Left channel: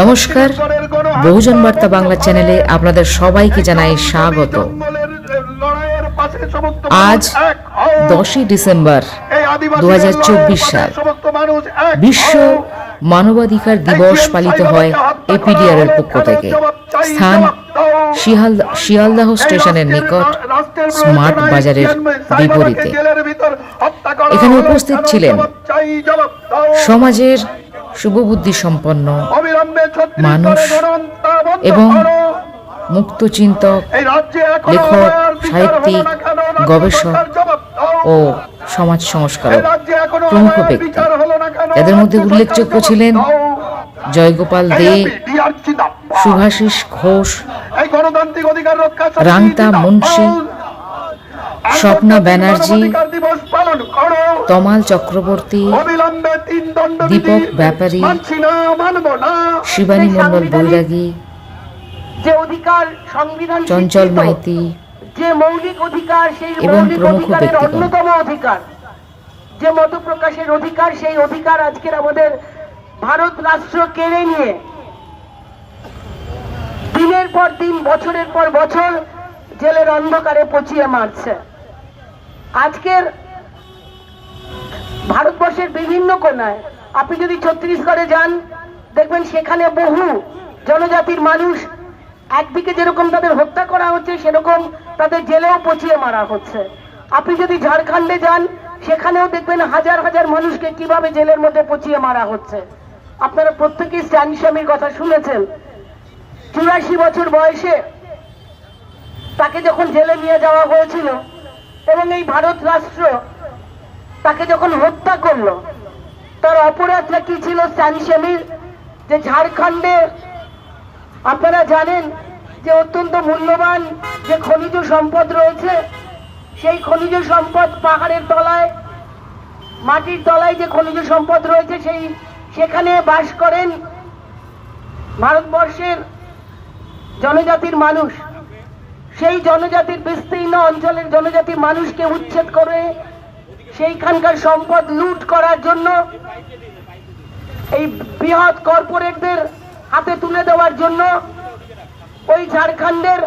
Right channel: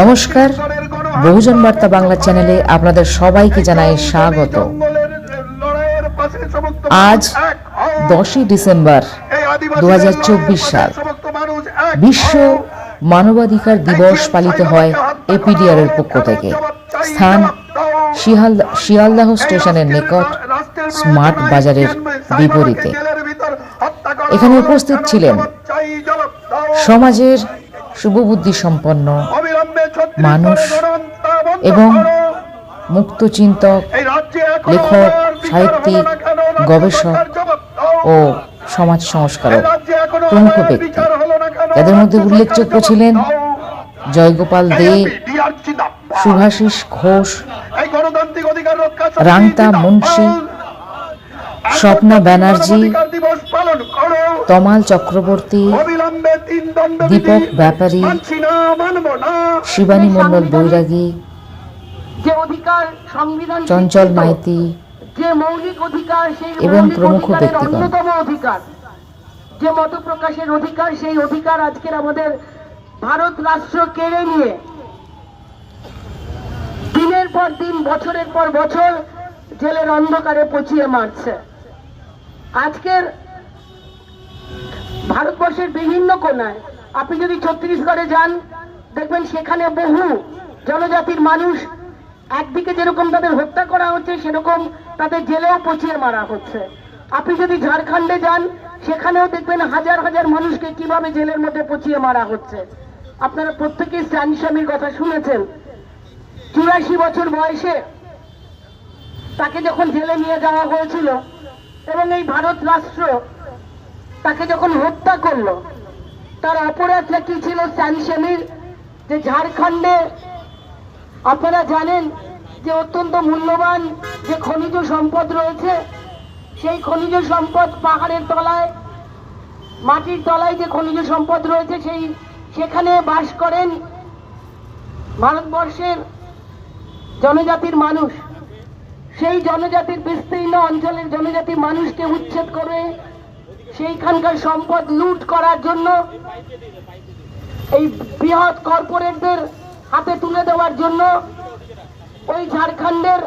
নমস্কার, বহুজন বার্তা বাংলা চ্যানেলে আপনাদের সবাইকে জানাই স্বাগত। আজ 10ই ডিসেম্বর 2024 সাল বিশ্ব মানবাধিকার দিবস পালিত হয় এপিডিআর এর পক্ষ থেকে। স্থান শিয়ালদাহ স্টেশনের নিকট, স্মার্ট বাজারের বিপরীতে। এখানে উপস্থিত ছিলেন সমাজের শুভবুদ্ধি সম্পন্ন মানুষ এবং মুক্তচিন্তক, লেখক, সাহিত্যিক, গবেষক ও সমাজ সংস্কারক প্রমুখ ব্যক্তি। এদের মধ্যে উল্লেখযোগ্য ছিলেন জয়গোপাল দে, শুভাশিস ঘোষ, রাংতা মুন্সি, স্বপ্না ব্যানার্জি, তমাল চক্রবর্তী, দীপক ব্যাপারী, শিবানী মণ্ডল বৈরাগী, চঞ্চল মাইতি এবং প্রমুখ ব্যক্তিগণ। যে মত প্রকাশের অধিকার, সেই অধিকার আজকের আমাদের ভারত রাষ্ট্র কেড়ে নিয়ে দিনের পর দিন, বছরের পর বছর জেলের অন্ধকারে পচিয়ে মারছে। আজকের ভারতবর্ষের বিভিন্ন কোণায় আপনি যদি ছত্তিশগড়ে যান, দেখবেন সেখানে বহু জনজাতির মানুষ একদিকে যেরকম তাদের হত্যা করা হচ্ছে, সেরকম তাদের জেলেও পচিয়ে মারা হচ্ছে। আপনি যদি ঝাড়খণ্ডে যান, সেখানেও দেখবেন হাজার হাজার মানুষকে কিভাবে জেলের মধ্যে পচিয়ে মারা হচ্ছে। আপনারা প্রত্যেকেই স্ট্যান স্বামীর কথা শুনেছেন। 84 বছর বয়সে তাকে যখন জেলে নিয়ে যাওয়া হয়েছিল এবং এই ভারত রাষ্ট্র তাকে যখন হত্যা করলো, তার অপরাধটা কি ছিল স্ট্যান স্বামীর? যে ঝাড়খণ্ডে আপনারা জানেন যে অত্যন্ত মূল্যবান যে খনিজ সম্পদ রয়েছে, সেই খনিজ সম্পদ পাহাড়ের তলায়, মাটির তলায় যে খনিজ সম্পদ রয়েছে, সেখানে বাস করেন ভারতবর্ষের জনজাতির মানুষ। সেই জনজাতির বিস্তীর্ণ অঞ্চলের জনজাতির মানুষকে উচ্ছেদ করে সেইখানকার সম্পদ লুট করার জন্য, এই বৃহৎ কর্পোরেটদের হাতে তুলে দেওয়ার জন্য ওই ঝাড়খণ্ডের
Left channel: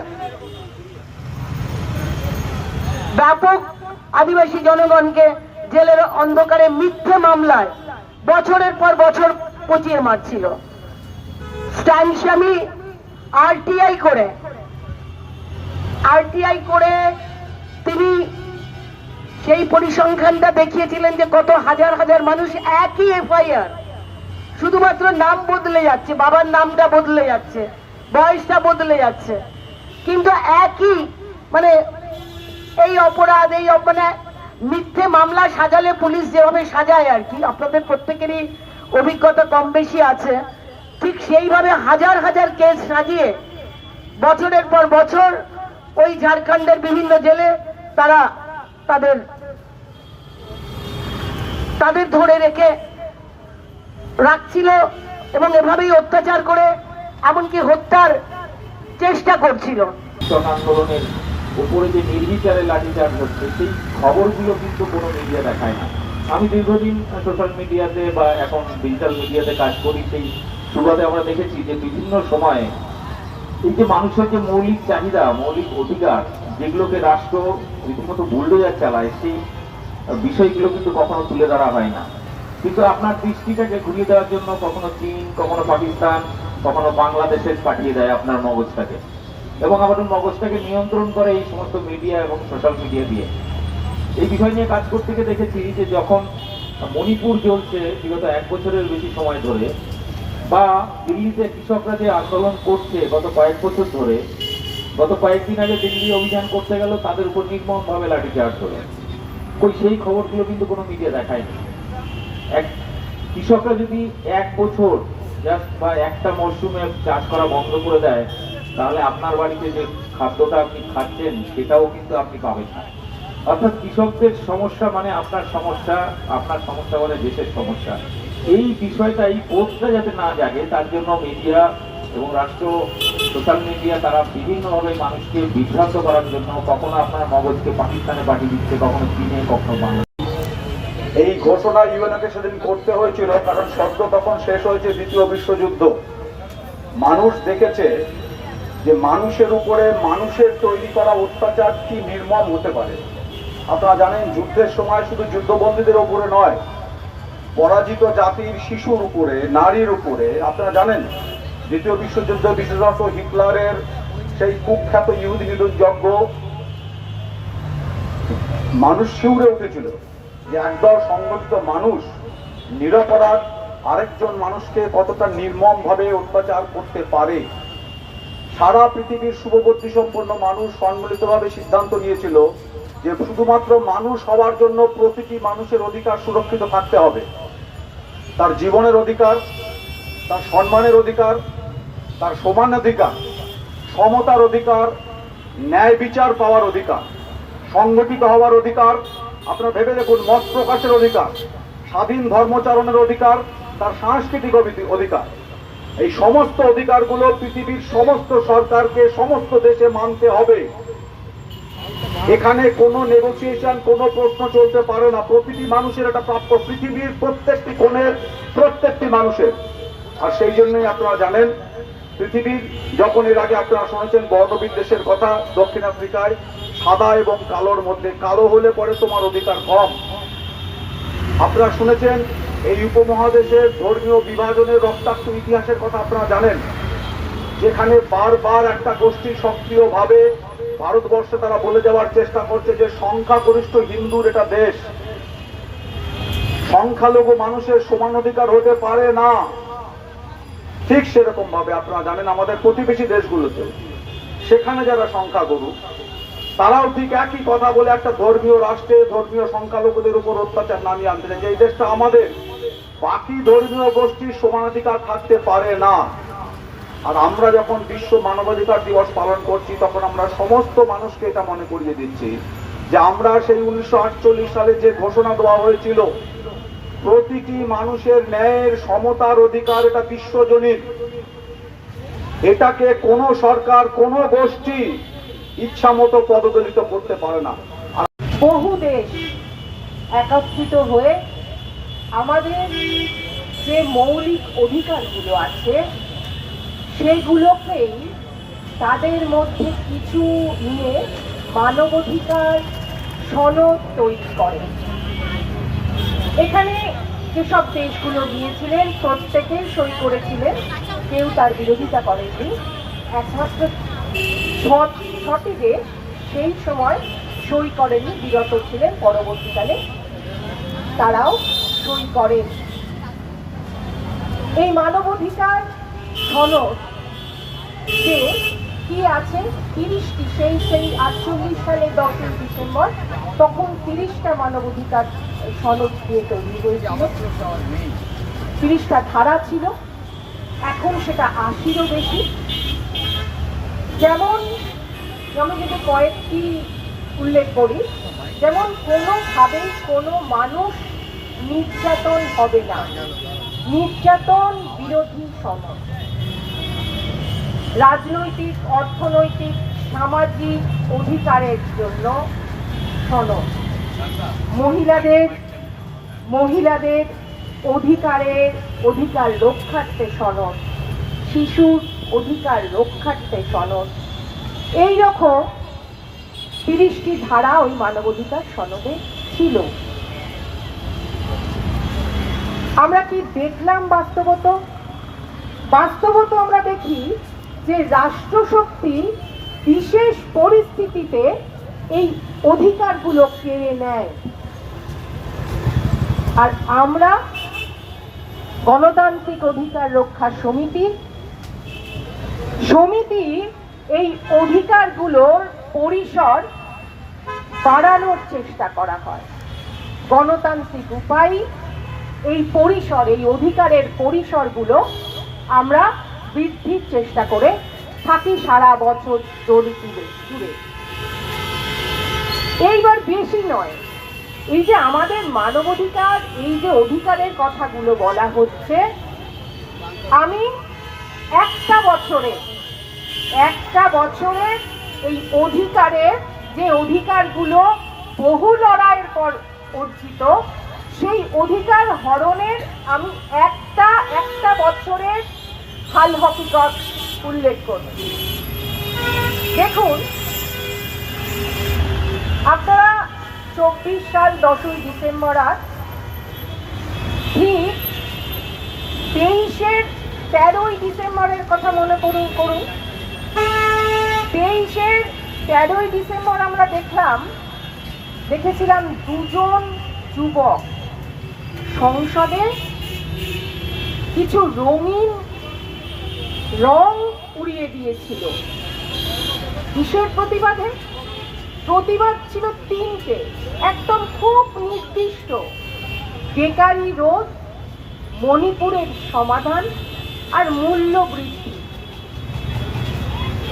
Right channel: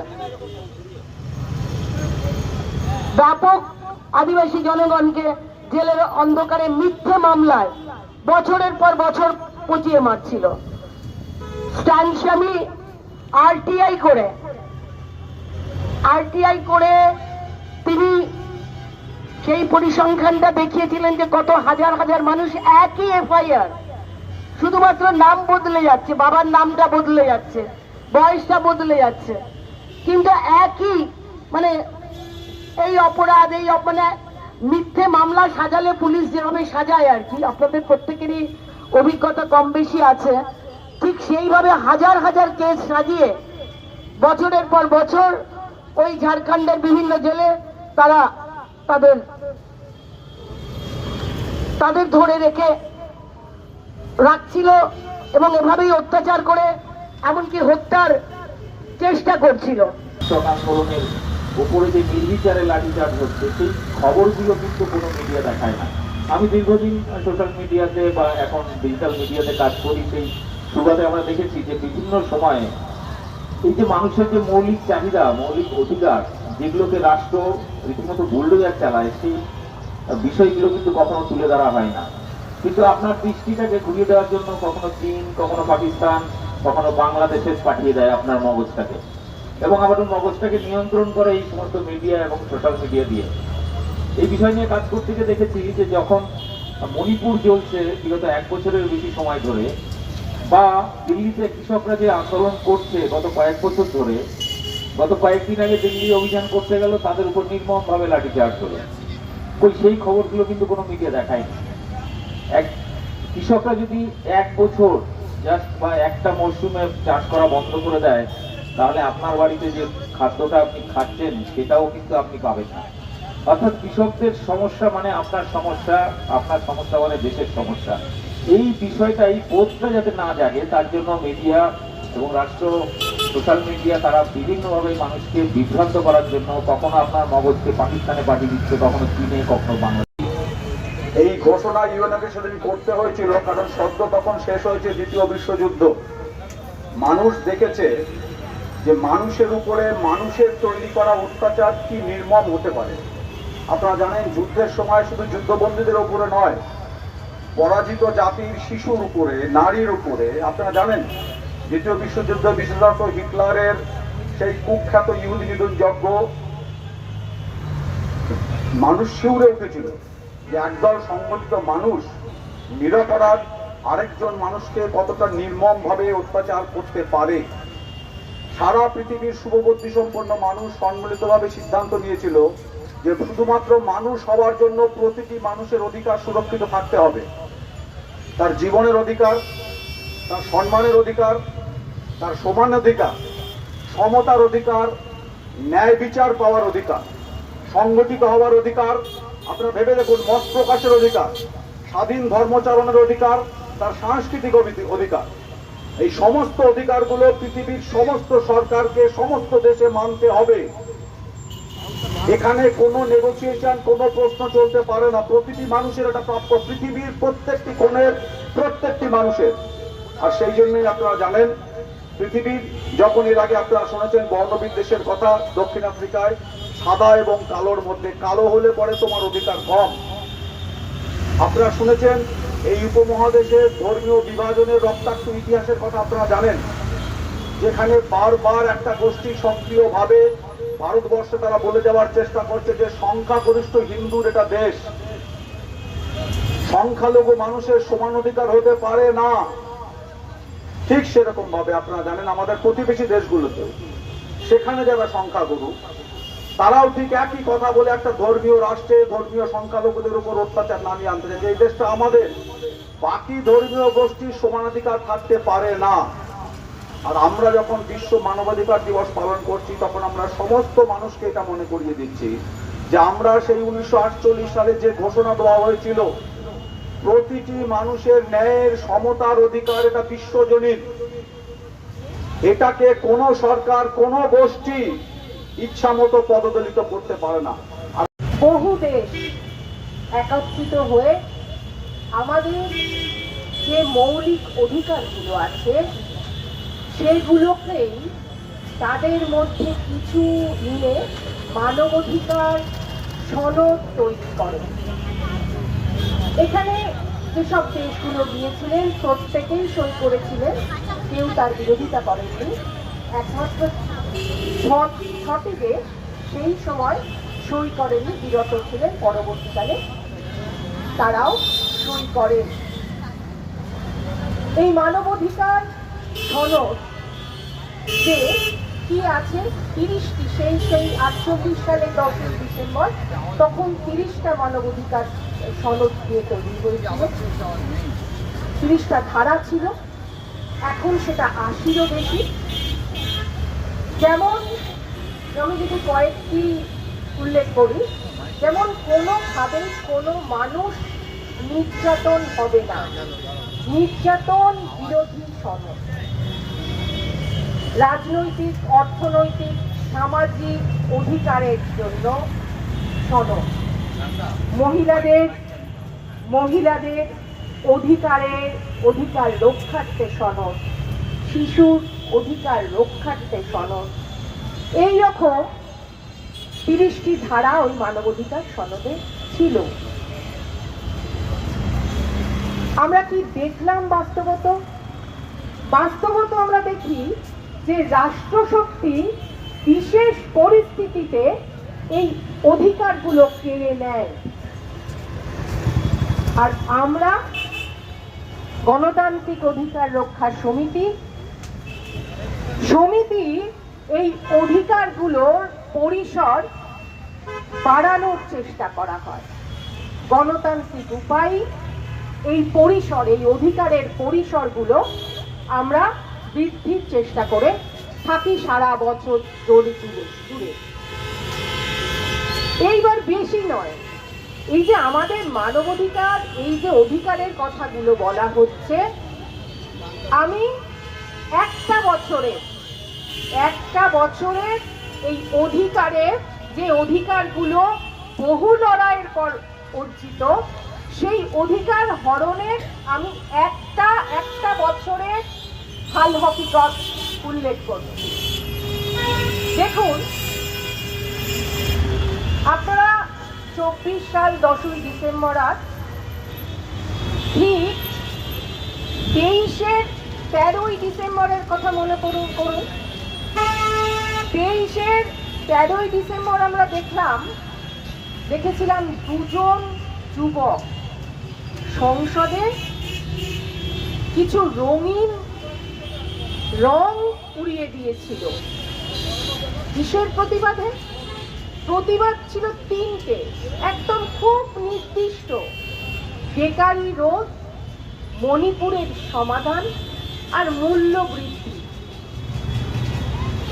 ব্যাপক আদিবাসী জনগণকে জেলের অন্ধকারে মিথ্যে মামলায় বছরের পর বছর পচিয়ে মারছিল। স্ট্যান স্বামী আরটিআই করে তিনি সেই পরিসংখ্যানটা দেখিয়েছিলেন যে কত হাজার হাজার মানুষ একই এফআইআর, শুধুমাত্র নাম বদলে যাচ্ছে, বাবার নামটা বদলে যাচ্ছে, বয়সটা বদলে যাচ্ছে, কিন্তু একই এই অপরাধ, এই মিথ্যে মামলা সাজালে পুলিশ যেভাবে সাজায় আর কি, আপনাদের প্রত্যেকেরই অভিজ্ঞতা কম বেশি আছে, ঠিক সেইভাবে হাজার হাজার কেস সাজিয়ে বছরের পর বছর ওই ঝাড়খণ্ডের বিভিন্ন জেলে তারা তাদের ধরে রেখে রাখছিল এবং এভাবেই অত্যাচার করে এমনকি হত্যার চেষ্টা করছিল। আন্দোলনের উপরে যে নির্বিচারে লাঠিচার্জ হচ্ছে, সেই খবরগুলো কিন্তু কোনো মিডিয়া দেখায় না। আমি দীর্ঘদিন সোশ্যাল মিডিয়াতে বা এখন ডিজিটাল মিডিয়াতে কাজ করি, সেই সুবাদে আমরা দেখেছি যে বিভিন্ন সময়ে এই যে মানুষের যে মৌলিক চাহিদা, মৌলিক অধিকার, যেগুলোকে রাষ্ট্র রীতিমতো বুলডোজার চালায়, সেই বিষয়গুলো কিন্তু কখনো তুলে ধরা হয় না। কিন্তু আপনার দৃষ্টিটাকে ঘুরিয়ে দেওয়ার জন্য কখনো চীন, কখনো পাকিস্তান, কখনো বাংলাদেশে পাঠিয়ে দেয় আপনার মগজটাকে, এবং আমাদের মগজটাকে নিয়ন্ত্রণ করে এই সমস্ত মিডিয়া এবং সোশ্যাল মিডিয়া দিয়ে। এই বিষয় নিয়ে কাজ করতে গিয়ে দেখেছি যে যখন মণিপুর জ্বলছে বিগত 1 বছরের বেশি সময় ধরে, বা দিল্লিতে কৃষকরা যে আন্দোলন করছে গত কয়েক বছর ধরে, গত কয়েকদিন আগে দিল্লি অভিযান করতে গেল, তাদের উপর নির্মমভাবে লাঠিচার্জ হলো, সেই খবরগুলো কিন্তু কোনো মিডিয়া দেখায়নি। কৃষকরা যদি 1 বছর জাস্ট বা একটা মরশুমে চাষ করা বন্ধ করে দেয়, তাহলে আপনার বাড়িতে যে খাদ্যটা আপনি খাচ্ছেন সেটাও কিন্তু আপনি পাবেন না। অর্থাৎ কৃষকদের সমস্যা মানে আপনার সমস্যা, আপনার সমস্যা মানে দেশের সমস্যা। এই বিষয়টা, এই বোধটা যাতে না জাগে, তার জন্য মিডিয়া এবং রাষ্ট্র, সোশ্যাল মিডিয়া তারা বিভিন্নভাবে মানুষকে বিভ্রান্ত করার জন্য কখনো আপনার মগজকে পাকিস্তানে পাঠিয়ে দিচ্ছে, কখনো চীনে, কখনো বাংলাদেশে। এই ঘোষণা ইউএনকে সেদিন করতে হয়েছিল, কারণ সদ্য তখন শেষ হয়েছে দ্বিতীয় বিশ্বযুদ্ধ। মানুষ দেখেছে যে মানুষের উপরে মানুষের তৈরি করা অত্যাচার কি নির্মম হতে পারে। আপনারা জানেন যুদ্ধের সময় শুধু যুদ্ধবন্দীদের উপরে নয়, পরাজিত জাতির শিশুর উপরে, নারীর উপরে, আপনারা জানেন দ্বিতীয় বিশ্বযুদ্ধ বিশেষত হিটলারের সেই কুখ্যাত ইহুদি নিধন যজ্ঞ, মানুষ শিউরে উঠেছিল যে একদল সংগঠিত মানুষ নিরপরাধ আরেকজন মানুষকে কতটা নির্মম ভাবে অত্যাচার করতে পারে। সারা পৃথিবীর শুভবুদ্ধি সম্পন্ন মানুষ সম্মিলিতভাবে সিদ্ধান্ত নিয়েছিল যে শুধুমাত্র মানুষ হওয়ার জন্য প্রতিটি মানুষের অধিকার সুরক্ষিত থাকতে হবে। তার জীবনের অধিকার, তার সম্মানের অধিকার, তার সমান অধিকার, সমতার অধিকার, ন্যায় বিচার পাওয়ার অধিকার, সংগঠিত হওয়ার অধিকার, আপনারা ভেবে দেখুন মত প্রকাশের অধিকার, স্বাধীন ধর্মচারণের অধিকার, তার সাংস্কৃতিক অধিকার। এই সমস্ত অধিকারগুলো পৃথিবীর সমস্ত সরকারকে সমস্ত দেশে মানতে হবে। এখানে কোনো নেগোসিয়েশন, কোনো প্রশ্ন চলতে পারে না। প্রতিটি মানুষের এটা প্রাপ্য, পৃথিবীর প্রত্যেকটি কোণের প্রত্যেকটি মানুষের। আর সেই জন্যই আপনারা জানেন পৃথিবীর, যখন এর আগে আপনারা শুনেছেন বর্ণবিদ্বেষের কথা, দক্ষিণ আফ্রিকায় সাদা এবং কালোর মধ্যে কালো হলে পরে তোমার অধিকার কম। আপনারা শুনেছেন এই উপমহাদেশের ধর্মীয় বিভাজনের রক্তাক্ত ইতিহাসের কথা আপনারা জানেন, যেখানে বারবার একটা গোষ্ঠী সক্রিয়ভাবে ভারতবর্ষে তারা বলে যাওয়ার চেষ্টা করছে যে সংখ্যাগরিষ্ঠ হিন্দুর এটা দেশ, সংখ্যালঘু মানুষের সমান অধিকার হতে পারে না। ঠিক সেরকম ভাবে আপনারা জানেন আমাদের প্রতিবেশী দেশগুলোতে সেখানে যারা সংখ্যাগুরু তারাও ঠিক একই কথা বলে একটা ধর্মীয় রাষ্ট্রে ধর্মীয় সংখ্যালঘুদের উপর অত্যাচার নামিয়ে আনতে চায় যে এই দেশটা আমাদের, বাকি ধর্মীয় গোষ্ঠীর সমানাধিকার থাকতে পারে না। আর আমরা যখন বিশ্ব মানবাধিকার দিবস পালন করছি তখন আমরা সমস্ত মানুষকে এটা মনে করিয়ে দিচ্ছি যে আমরা সেই 1948 সালে যে ঘোষণা দেওয়া হয়েছিল প্রতিটি মানুষের ন্যায়ের সমতার অধিকার, এটা বিশ্বজনীন। এটাকে কোন সরকার, কোন গোষ্ঠী ইচ্ছা মতো পদদলিত করতে পারে না। বহু দেশ একত্রিত হয়ে আমাদের যে মৌলিক অধিকারগুলো আছে সেগুলোকেই তাদের মধ্যে কিছু নিয়ে মানবাধিকার সনদ তৈরি করে। এখানে যেসব দেশগুলো গিয়েছিলেন প্রত্যেকেই সই করেছিলেন, কেউ তার বিরোধিতা করেননি। একমাত্র 6টি দেশ সেই সময় সই করেনি, বিরত ছিলেন, পরবর্তীকালে তারাও সই করেন। এই মানবাধিকার সনদ যে কি আছে 30টি, সেই 48 সালের 10ই ডিসেম্বর তখন 30টা মানবাধিকার সনদ দিয়ে তৈরি হয়েছিল। 30টা ধারা ছিল, এখন সেটা 80রও বেশি। যেমন আমি যদি কয়েকটি উল্লেখ করি, যেমন কোনোভাবে কোনো মানুষ নির্যাতন হবে না, নির্যাতন বিরোধী সনদ। রাজনৈতিক, অর্থনৈতিক, সামাজিক অধিকারের জন্য সনদ। মহিলাদের অধিকার রক্ষার্থে সনদ, শিশুর অধিকার রক্ষার্থে সনদ। এইরকম 30টি ধারা ওই মানবাধিকার সনদে ছিল। আমরা কি দেখলাম বাস্তবত আমরা দেখি যে রাষ্ট্রশক্তি বিশেষ পরিস্থিতিতে এই অধিকারগুলো কেড়ে নেয়। আর আমরা গণতান্ত্রিক অধিকার রক্ষা সমিতি এই অধিকারগুলোর পরিসর বাড়ানোর চেষ্টা করা হয়। গণতান্ত্রিক উপায় এই পরিসর, এই অধিকারের পরিসরগুলো আমরা বৃদ্ধির চেষ্টা করে থাকি সারা বছর জুড়ে। এইবার বেশি নয়, এই যে আমাদের মানবাধিকার, এই যে অধিকারের কথাগুলো বলা হচ্ছে, আমি একটা বছরে এই অধিকারের, যে অধিকারগুলো বহু লড়াইয়ের পর অর্জিত, সেই অধিকার হরণের আমি একটা বছরের হাল হকিকত উল্লেখ করছি। দেখুন, আপনারা 24 সাল 10ই ডিসেম্বর আজ ঠিক 13ই ডিসেম্বরের কথা মনে করুন। 13ই ডিসেম্বর আমরা দেখেছিলাম দুজন যুবক সংসদে কিছু রঙিন রং উড়িয়ে দিয়েছিল। কিসের প্রতিবাদে? প্রতিবাদ ছিল তিনটে, একদম খুব নির্দিষ্ট: বেকারি রোধ, মণিপুরের সমাধান আর মূল্য বৃদ্ধি।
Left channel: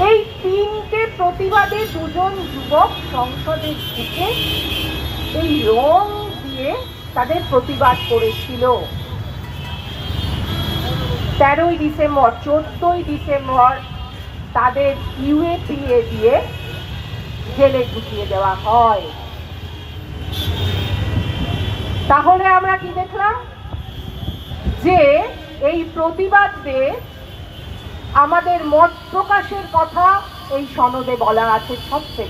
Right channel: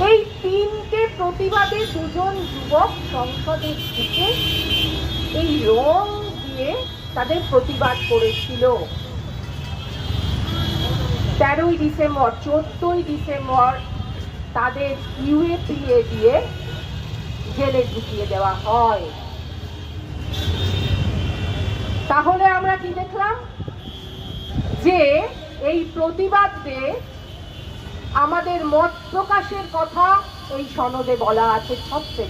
এই তিনটে প্রতিবাদে দুজন যুবক সংসদে ঢুকে এই রং দিয়ে তাদের প্রতিবাদ করেছিল। 13ই ডিসেম্বর 14ই ডিসেম্বর তাদের ইউএপিএ দিয়ে জেলে ঢুকিয়ে দেওয়া হয়। তাহলে আমরা কি দেখলাম? যে এই প্রতিবাদে আমাদের মত প্রকাশের কথা এই সনদে বলা আছে সত্যি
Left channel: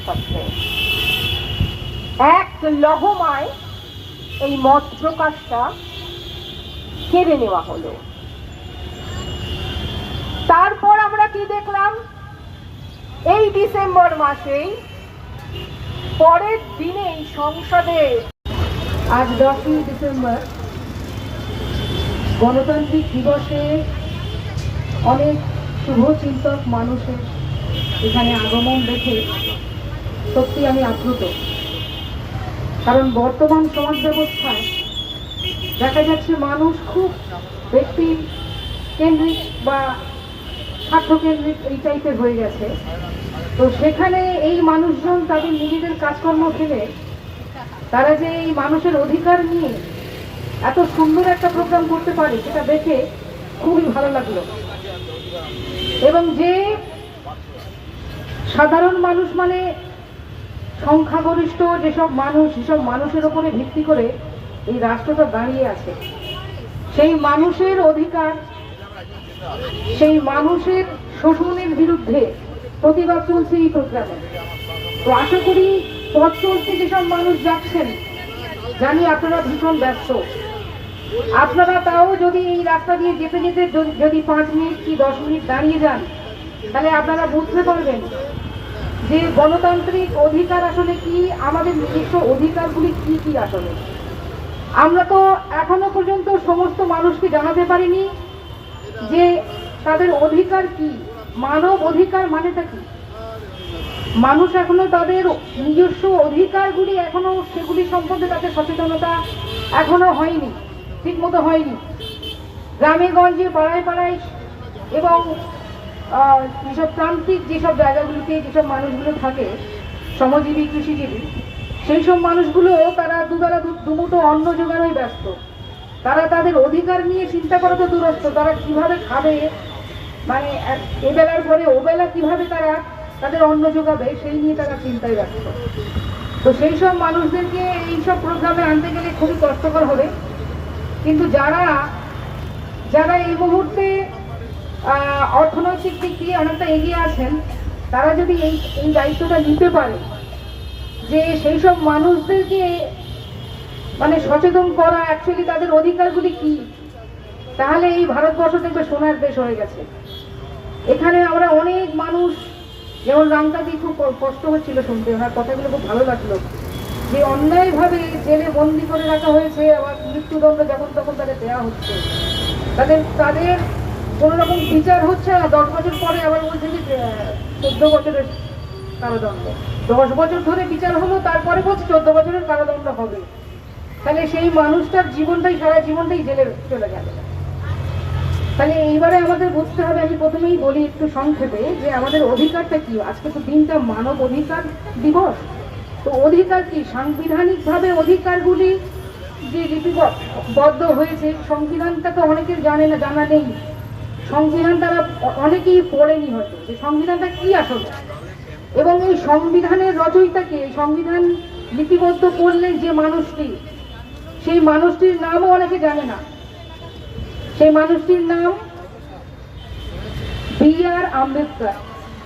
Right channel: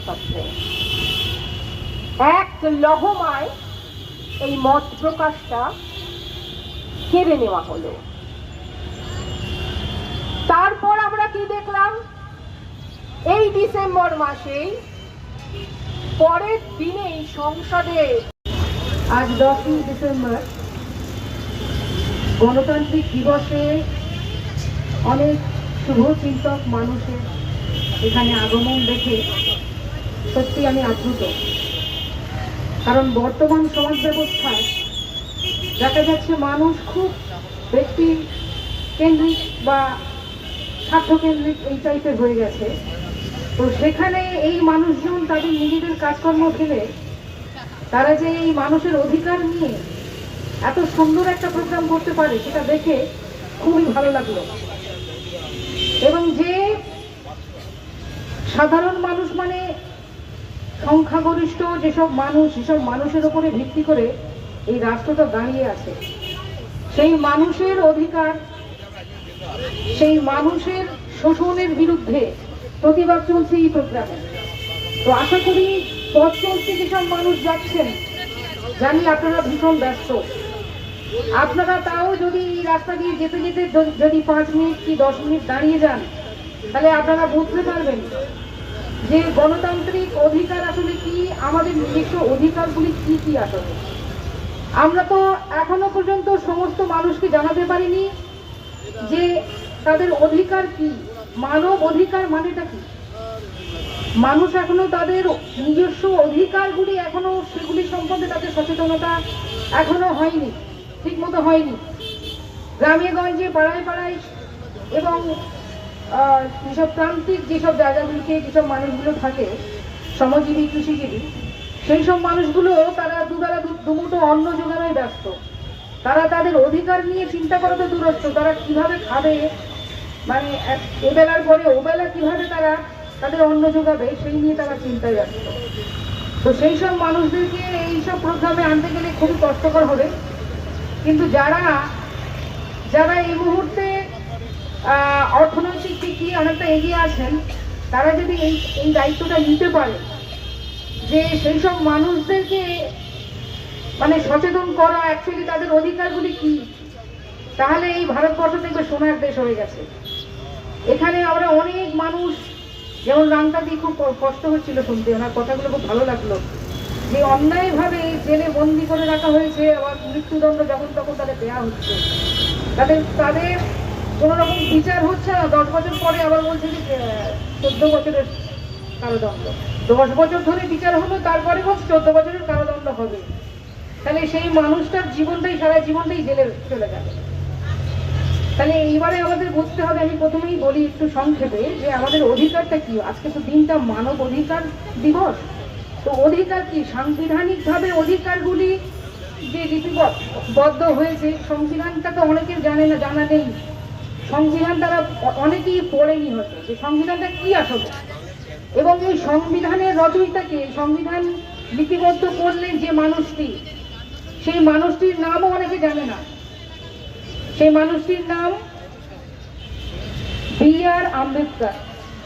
এক লহমায় এই মত প্রকাশটা কেড়ে নেওয়া হলো। তারপর আমরা কি দেখলাম? এই ডিসেম্বর মাসেই পরের দিনেই সংসদে, আজ 10ই ডিসেম্বর গণতান্ত্রিক দিবসে অনেক শুভচিন্তক মানুষের এখানে আগমন দেখে সত্যি আমি আপ্লুত। কারণ বর্তমান সমাজ ব্যবস্থায় দেখা যাচ্ছে মানুষ খুব ব্যক্তি কেন্দ্রিক বা স্বার্থকেন্দ্রিক এই টাইপের হয়ে গেছে। তো সেখানে এই মানুষজন তাদের নিজেদের কাজকর্ম ফেলে তারা যে এই মানুষের অধিকার নিয়ে এত সুন্দর একটা প্রোগ্রাম করতে পারে সেটা দেখে খুবই ভালো লাগলো। এবং যে সাধারণ মানুষ মানে সংখ্যাগরিষ্ঠ যেসব মানুষ, সেসব মানুষের উপরে ভিত্তি করে এই রাষ্ট্রটা দাঁড়িয়ে আছে, সেই মানুষের অধিকার, সেই মানুষের শোষণের বিরুদ্ধে প্রতিবাদ চলছে এই প্রোগ্রামে। তো আশা করি পথ চলতে যেসব মানুষ যাচ্ছেন, জানি আপনারা ভীষণ ব্যস্ত, আপনারা তাও যদি এই রাস্তা দিয়ে যেতে যেতে যদি 5 মিনিট কি 10 মিনিট দাঁড়িয়ে যান, তাহলে আপনারা বুঝতে পারবেন যে গণতান্ত্রিক অধিকার আসলে কি, আমাদের নিজস্ব অধিকারগুলি কি কি আসলে। আমরা তো এখনো পর্যন্ত সমস্ত মানুষকে জানাতে পারিনি যে তাদের অধিকার কি, মানব অধিকার মানেটা কি। মানুষ এখনো তাদের নিজস্ব অধিকারগুলি এখনো সেগুলি সম্বন্ধে তাদের সচেতনতা এখনো হয়নি, ঠিক মতো হয়নি। গ্রামে গঞ্জে পাড়ায় পাড়ায় এবং যেসব প্রান্তিক যেসব জায়গাগুলিতে যেসব মানুষগুলো থাকে, শ্রমজীবী কৃষিজীবী, সেই সব মানুষগুলো তারা দুবেলা দুমুঠো অন্ন জোগানোই ব্যস্ত। তারা তাদের অধিকার নিয়ে চিন্তা করা তো দূরস্থ, তারা কিভাবে খাবে, মানে এবেলার পরে ওবেলা কিভাবে তারা তাদের অন্ন জোগাবে সেই নিয়ে তারা চিন্তায় ব্যস্ত। তো সেই সব মানুষদেরকে এইসব প্রোগ্রামে আনতে গেলে খুবই কষ্টকর হবে। কিন্তু যারা এই মুহূর্তে অর্থনৈতিক দিক দিয়ে অনেকটা এগিয়ে আছেন, তারা যদি এই দায়িত্বটা নিতে পারে যে সেই সব মানুষদেরকে মানে সচেতন করা অ্যাকচুয়ালি তাদের অধিকারগুলি কি, তাহলে এই ভারতবর্ষ দেখবে সোনার দেশ হয়ে গেছে। এখানে আমরা অনেক মানুষ, যেমন রামকাদি, খুব কষ্ট হচ্ছিল শুনতে, ওনার কথাগুলো খুব ভালো লাগলো, যে অন্যায়ভাবে জেলে বন্দি করে রাখা হয়েছে, আবার মৃত্যুদণ্ড যখন তখন তাদের দেওয়া হচ্ছে, তাদের কোনো রকম বিচার হচ্ছে না। 10 বছর পরে আবার বলছে যে 14 বছরের কারাদণ্ড। 10 বছর ধরে বিচার হলো, তারপরে বলছে 14 বছরের কারাদণ্ড হবে। তাহলে সেই মানুষটার জীবনটাই, সারা জীবনটাই জেলে চলে গেল। তাহলে এইবারে আমাদের বুঝতে হবে, আমি প্রথমেই বলি একটু সংক্ষেপে, যে আমাদের অধিকারটা কি। আজকে তো দিনটা মানব অধিকার দিবস। তো অধিকার কি? সাংবিধানিকভাবে অধিকারগুলি যে লিপিবদ্ধ হয়েছে, সংবিধানটা তো অনেকের জানে না, জানা নেই। সংবিধানটা অনেকেই পড়েনি হয়তো, যে সংবিধানটা কি আসলে, এবং এই সংবিধানের রচয়িতাকে, এই সংবিধান লিপিবদ্ধ করলেন যে মানুষটি, সেই মানুষটির নামও অনেকে জানে না। সেই মানুষটির নাম B.R. আম্বেদকর,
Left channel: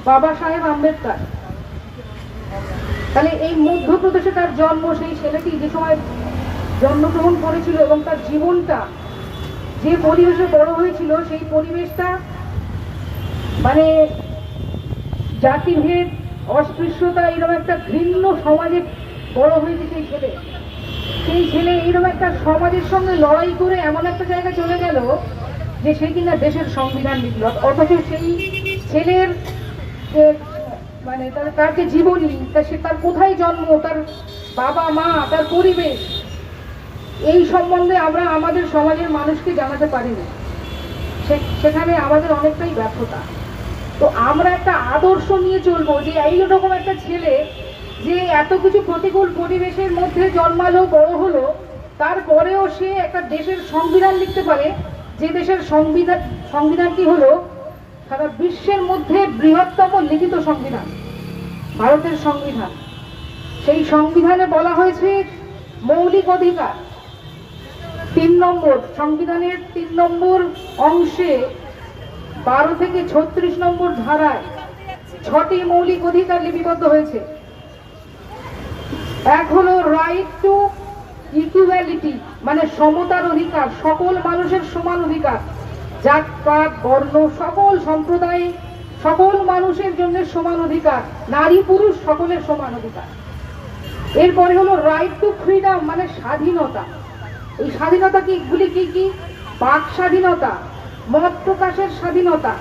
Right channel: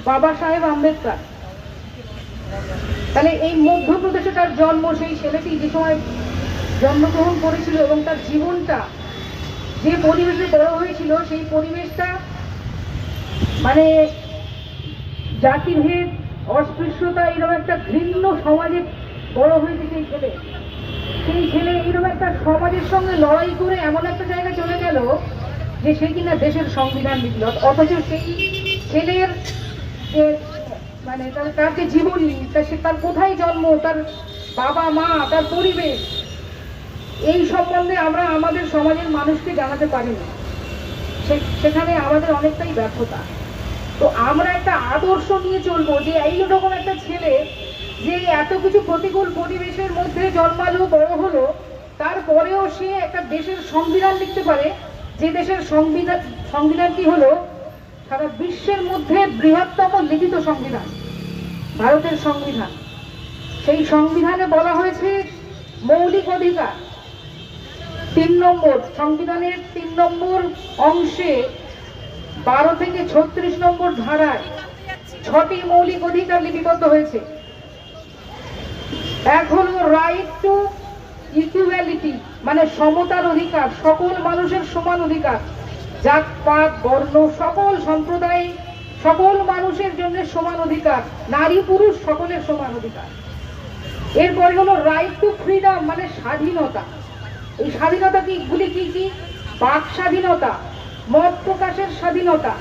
বাবা সাহেব আম্বেদকর। তাহলে এই মধ্যপ্রদেশে তার জন্ম, সেই ছেলেটি যে সময় জন্মগ্রহণ করেছিল এবং তার জীবনটা যে পরিবেশে বড় হয়েছিল, সেই পরিবেশটা মানে জাতিভেদ, অস্পৃশ্যতা, এরকম একটা ঘৃণ্য সমাজে বড় হয়েছে সেই ছেলে। সেই ছেলে এরকম একটা সমাজের সঙ্গে লড়াই করে এমন একটা জায়গায় চলে গেল যে সে কিনা দেশের সংবিধান লিখল, অথচ সেই ছেলের মানে তার যে জীবনী, তার কোথায় জন্ম, তার বাবা মা, তার পরিবেশ, এই সম্বন্ধে আমরা আমাদের সমাজের মানুষকে জানাতে পারিনি। সেখানে আমাদের অনেকটাই ব্যর্থতা। তো আমরা একটা আদর্শ নিয়ে চলবো যে এইরকম একটা ছেলে যে এত কিছু প্রতিকূল পরিবেশের মধ্যে জন্মালো, বড় হলো, তারপরেও সে একটা দেশের সংবিধান লিখতে পারে, যে দেশের সংবিধানটি হলো সারা বিশ্বের মধ্যে বৃহত্তম লিখিত সংবিধান, ভারতের সংবিধান। সেই সংবিধানে বলা হয়েছে মৌলিক অধিকার, 3 নম্বর সংবিধানের 3 নম্বর অংশে 12 থেকে 36 নম্বর ধারায় 6টি মৌলিক অধিকার লিপিবদ্ধ হয়েছে। এক হলো রাইট টু ইকুয়ালিটি, মানে সমতার অধিকার, সকল মানুষের সমান অধিকার, জাতপাত, বর্ণ, সকল সম্প্রদায়, সকল মানুষের জন্য সমান অধিকার, নারী পুরুষ সকলের সমান অধিকার। এরপরে হলো রাইট টু ফ্রিডম, মানে স্বাধীনতা। এই স্বাধীনতা গুলি কি কি? বাক স্বাধীনতা, মত প্রকাশের স্বাধীনতা,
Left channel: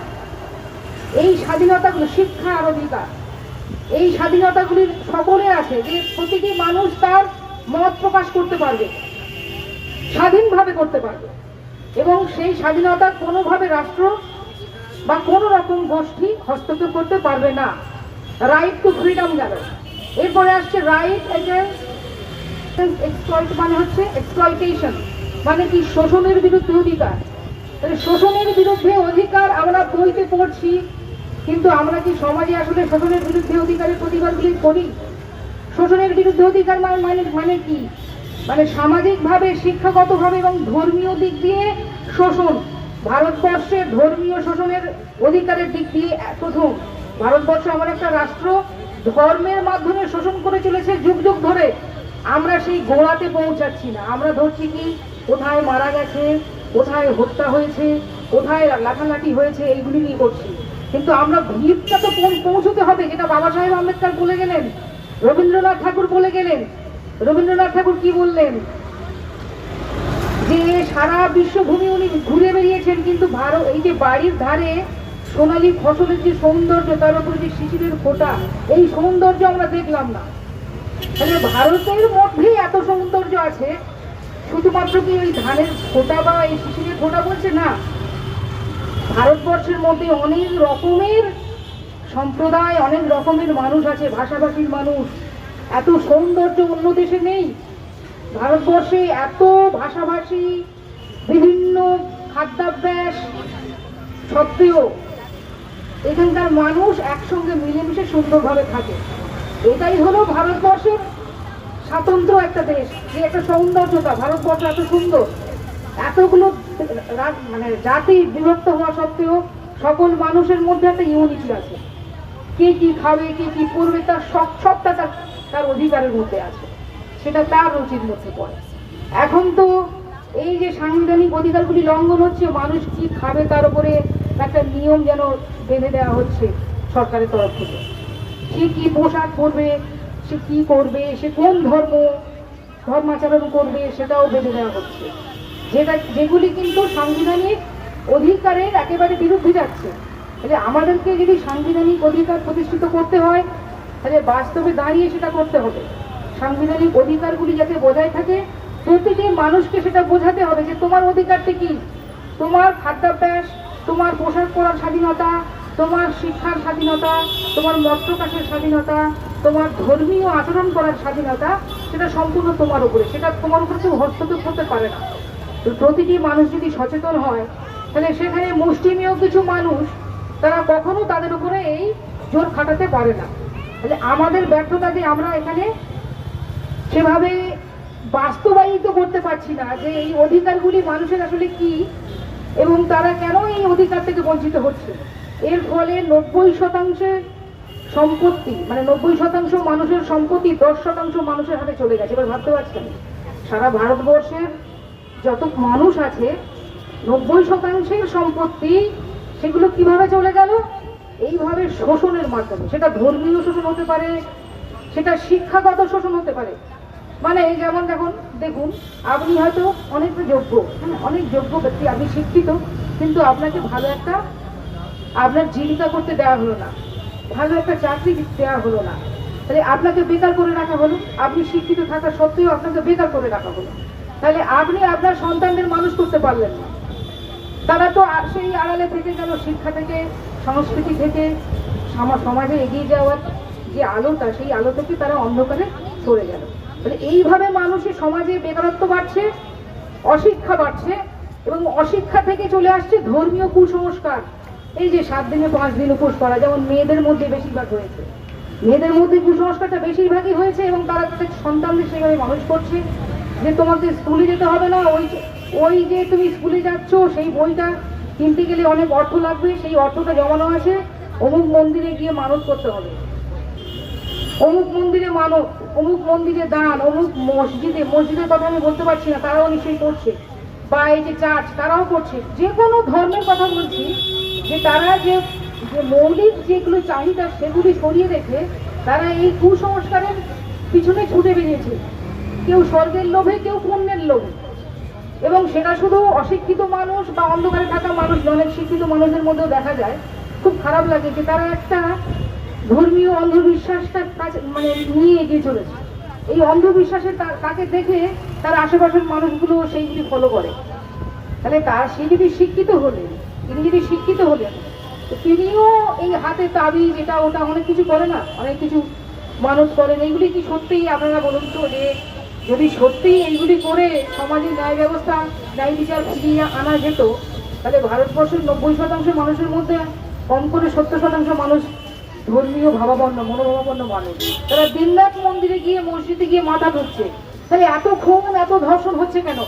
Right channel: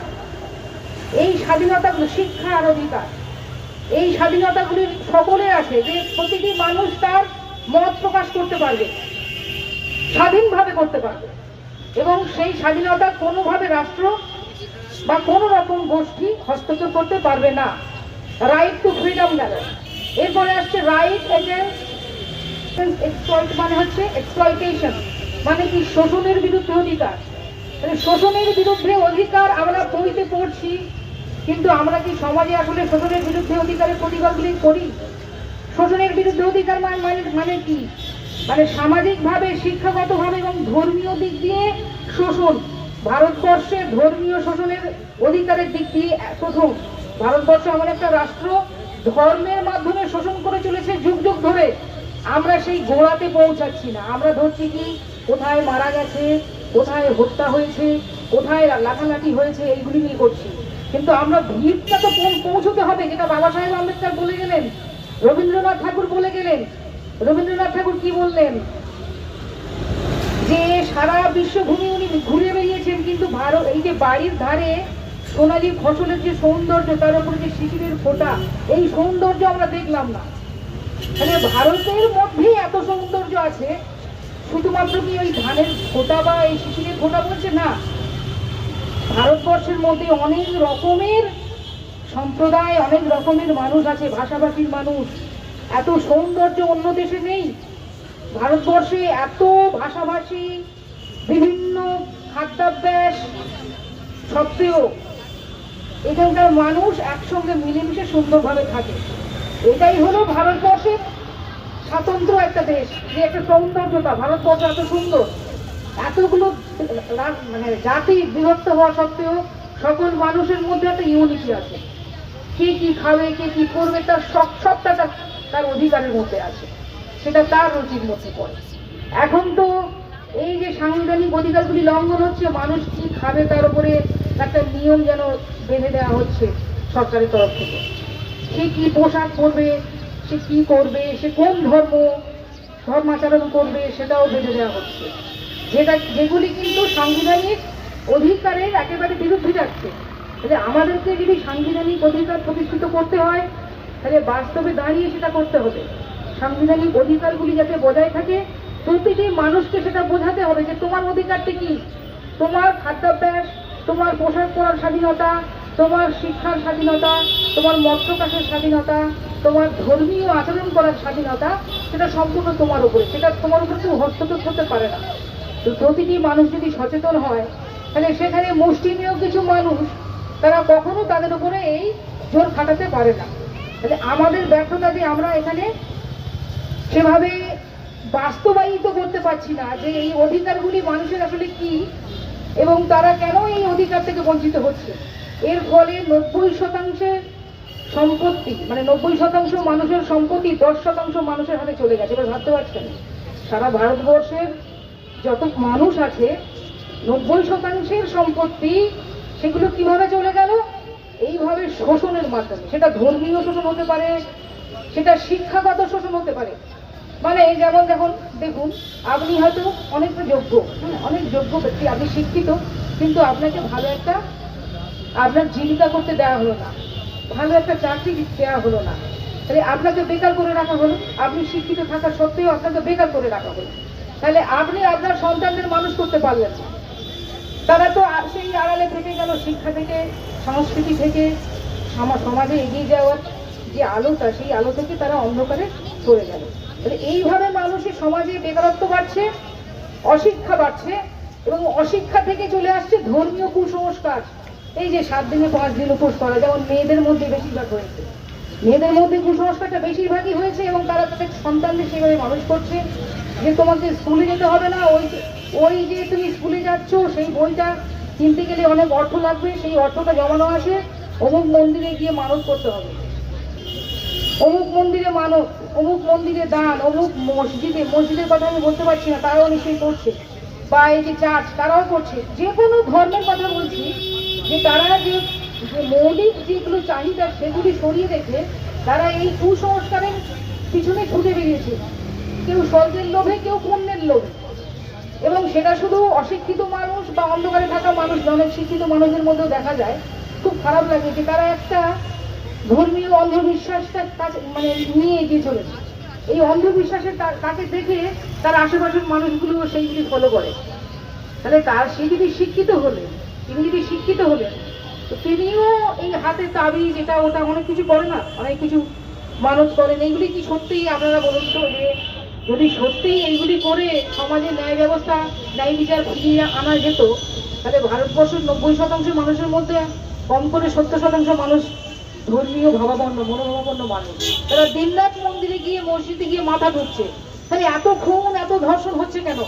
এই স্বাধীনতাগুলো, শিক্ষার অধিকার, এই স্বাধীনতাগুলি সকলের আছে, যে প্রতিটি মানুষ তার মত প্রকাশ করতে পারবে, স্বাধীনভাবে করতে পারবে, এবং সেই স্বাধীনতা কোনোভাবে রাষ্ট্র বা কোনো রকম গোষ্ঠী হস্তক্ষেপ করতে পারবে না। রাইট টু ফ্রিডম গেল। এরপরে আসছে রাইট এগেইনস্ট এক্সপ্লয়েট, মানে হচ্ছে এক্সপ্লয়টেশন, মানে কি? শোষণের বিরুদ্ধে অধিকার। শোষণের বিরুদ্ধে অধিকার আমরা বইতে পড়ছি, কিন্তু আমরা কি সমাজে আসলে শোষণের বিরুদ্ধে অধিকারের প্রতিবাদগুলি করি? শোষণের বিরুদ্ধে অধিকার মানে কি? মানে সামাজিকভাবে, শিক্ষাগতভাবে এবং ধর্মীয় দিক দিয়ে শোষণ। ভারতবর্ষে ধর্মীয় শোষণের অধিকারের দিক দিয়ে প্রথম। ভারতবর্ষ আমার একটা রাষ্ট্র, ধর্মের মাধ্যমে শোষণ করে চলেছে যুগ যুগ ধরে। আমরা সেই গোড়াতে পৌঁছাচ্ছি না। আমরা ধরছি কি কোথায় মারা গেছে, কোথায় হত্যা হয়েছে, কোথায় লাঠালাঠি হয়েছে, এইগুলি নিয়ে করছি। কিন্তু আমরা ভিড়টা তো পৌঁছতে হবে, যেটা বাবা সাহেব আম্বেদকর বলে গেলেন, রবীন্দ্রনাথ ঠাকুর বলে গেলেন। রবীন্দ্রনাথ ঠাকুর কি বললেন? যে সারা বিশ্বভূমি উনি ঘুরে বেরিয়েছেন, কিন্তু ভারত, এই যে বাড়ির ধারে সোনালী ফসলের যে সৌন্দর্য, তার উপরে যে শিশিরের ফোঁটা, এই সৌন্দর্য আমরা দেখলাম না। তাহলে ভারতের মধ্যেই এত সৌন্দর্য আছে, শুধুমাত্র কি ওই ধানের ফোঁটা বা এই শিশিরের ফোঁটা বলছে না। ভারতবর্ষের মধ্যে অনেক রকমের সম্প্রদায়, অনেক রকমের মানুষ আছে, ভাষাভাষীর মানুষ। এত সৌন্দর্য অন্য দেশে নেই। ভারতবর্ষে এত ভাষাভাষী, বিভিন্ন খাদ্যাভ্যাস সত্ত্বেও এখানকার মানুষ একসঙ্গে মিলেমিশে সুন্দরভাবে থাকে। এটাই হলো ভারতবর্ষের স্বাতন্ত্র একটা দেশ, যে একটা সৌন্দর্যতা। ভারতবর্ষ এত সুন্দর, এতগুলো মানে জাতি বিভক্ত হওয়া সত্ত্বেও সকল মানুষের মধ্যে একটা ইউনিটি আছে। কে কি খাবে, কে কি করবে, তার সবটা তার অধিকারের মধ্যে আছে, সেটা তার রুচির মধ্যে পড়ে। এখন তো এই যে সাংবিধানিক অধিকারগুলি লঙ্ঘন হচ্ছে, মানুষ কি খাবে তার উপরে একটা নিয়ম যেন বেঁধে দেওয়া হচ্ছে সরকারের তরফ থেকে। সে কি পোশাক পরবে, সে কি করবে, সে কোন ধর্মাচরণ করবে, সেটাও বেঁধে দেওয়া হচ্ছে, যেগুলি কিন্তু সাংবিধানিক অধিকারের একেবারে বিরুদ্ধে যাচ্ছে। তাহলে আমাদেরকে যদি সাংবিধানিক অধিকার প্রতিষ্ঠিত করতে হয়, তাহলে বাস্তবে দাঁড়িয়ে সেটা করতে হবে। সাংবিধানিক অধিকারগুলি যাতে বজায় থাকে, প্রতিটি মানুষকে সেটা বোঝাতে হবে যে তোমার অধিকারটি কি। তোমার খাদ্যাভ্যাস, তোমার পোশাক পরার স্বাধীনতা, তোমার শিক্ষার স্বাধীনতা, তোমার মত প্রকাশের স্বাধীনতা, তোমার ধর্মীয় আচরণ করার স্বাধীনতা, সেটা সম্পূর্ণ তোমার উপরে। সেটা তোমার উপরে কেউ হস্তক্ষেপ করতে পারে না। তো প্রতিটি মানুষ যদি সচেতন হয়, তাহলে সেখানে মুষ্টিমেয় কিছু মানুষ, তারা কখনো তাদের উপরে এই জোর খাটাতে পারে না। তাহলে আমাদের ব্যর্থতা যে আমরা এখানে সেভাবে বাস্তবায়িত করতে পারছি না যে এই অধিকারগুলি মানুষের আসলে কি এবং তারা কেন এই অধিকার থেকে বঞ্চিত হচ্ছে। এর ফলে 90% সম্পত্তি, মানে 90% মানুষের সম্পত্তি 10% মানুষের হাতে চলে গেছে। এবার ভাবতে পারছেন সারা ভারতবর্ষের যত মানুষ আছে 90%-এর সম্পত্তি সেগুলো কিভাবে চলে গেল? এইভাবে শোষণের মাধ্যমে। সেটা ধর্মীয় শোষণ হতে পারে, সেটা শিক্ষাগত শোষণ হতে পারে। মানে যেমন দেখুন, আপনি হয়তো অনেক যোগ্য, অনেক যোগ্য ব্যক্তি, আপনি শিক্ষিত, কিন্তু আপনাকে ভালো একটা আপনার জীবিকা করতে দেওয়া হলো না, ভালো একটা চাকরি দেওয়া হলো না, তাহলে আপনাকে বেকার করে রাখা হলো। আপনি শিক্ষিত থাকা সত্ত্বেও আপনাকে বেকার করে রাখা হলো, তাহলে আপনি আপনার সন্তানদের মানুষ করতে পারলেন না। তারা তো সেই আড়ালে থেকে গেল, শিক্ষা থেকে, সংস্কৃতি থেকে, সমাজে এগিয়ে যাওয়ার যে আলোটা, সেই আলো থেকে তারা অন্ধকারে সরে গেল। তাহলে এইভাবে মানুষের সমাজে বেকারত্ব বাড়ছে, অশিক্ষা বাড়ছে, এবং অশিক্ষা থেকে চলে আসছে ধর্মীয় কুসংস্কার। এই যে 7 দিনে 5 দিন উপোস করা, যেমন মেয়েদের মধ্যে বেশিরভাগ হয়েছে, মেয়েদের মধ্যে কুসংস্কারটা বেশিরভাগই হয়েছে, এবং তারা তাদের সন্তানদের সেভাবে মানুষ করছে যে তোমাকে স্কুলে যেতে হবে না, ওই যে তুমি স্কুলে যাচ্ছ সেই বইটা কিনতে গেলে অনেক অর্থ লাগবে, সেই অর্থটা জমানো আছে, অমুক মন্দিরে গিয়ে মানত করতে হবে, অমুক মন্দিরে মানত, অমুক মন্দিরে দান, অমুক মসজিদের কথা আমি বলতে পারছি না, তারাও নিশ্চয়ই করছে, বা এই যে চার্চ তারাও করছে। যে কোনো ধর্মের কথা বলছি, যে তারা যে মৌলিক যেগুলো চাহিদা সেগুলি সরিয়ে রেখে তারা এই কুসংস্কারের পিছনে ছুটে বেরিয়েছে, কেউ স্বর্গের লোভে, কেউ পুণ্যের লোভে। এবং সেটা শুধু অশিক্ষিত মানুষ বা অন্ধকারে থাকা মানুষ, অনেক শিক্ষিত মানুষদের মধ্যেও দেখা যায়। খুব খারাপ লাগে যে তারা একটা ধর্মীয় অন্ধবিশ্বাসটার কাছে মানে নিয়ে এগিয়ে চলেছে। এই অন্ধবিশ্বাসের তাকে দেখে তার আশেপাশের মানুষগুলো সেইগুলি ফলো করে। তাহলে সে যদি শিক্ষিত হলেন, তিনি যদি শিক্ষিত হলেন, তো তিনিও এই হাতে তাবিজ এটা ওটা অনেক কিছু করে না, অনেক কিছু মানত করেন। এইগুলি কি সত্যিই আপনারা বলুন তো, যে যদি সত্যিই এইগুলি করে সমাজে ন্যায় ব্যবস্থা, ন্যায় বিচার ফিরিয়ে আনা যেত, তাহলে ভারতবর্ষের 90% মানুষের মধ্যে কম করে 70% মানুষ ধর্মীয় ভাবাপন্ন, মনোভাবাপন্ন মানুষ। তারা দিনরাত মন্দিরে গিয়ে, মসজিদে গিয়ে মাথা ঢুকছে। তাহলে এত খুন, এত ধর্ষণ হচ্ছে কেন?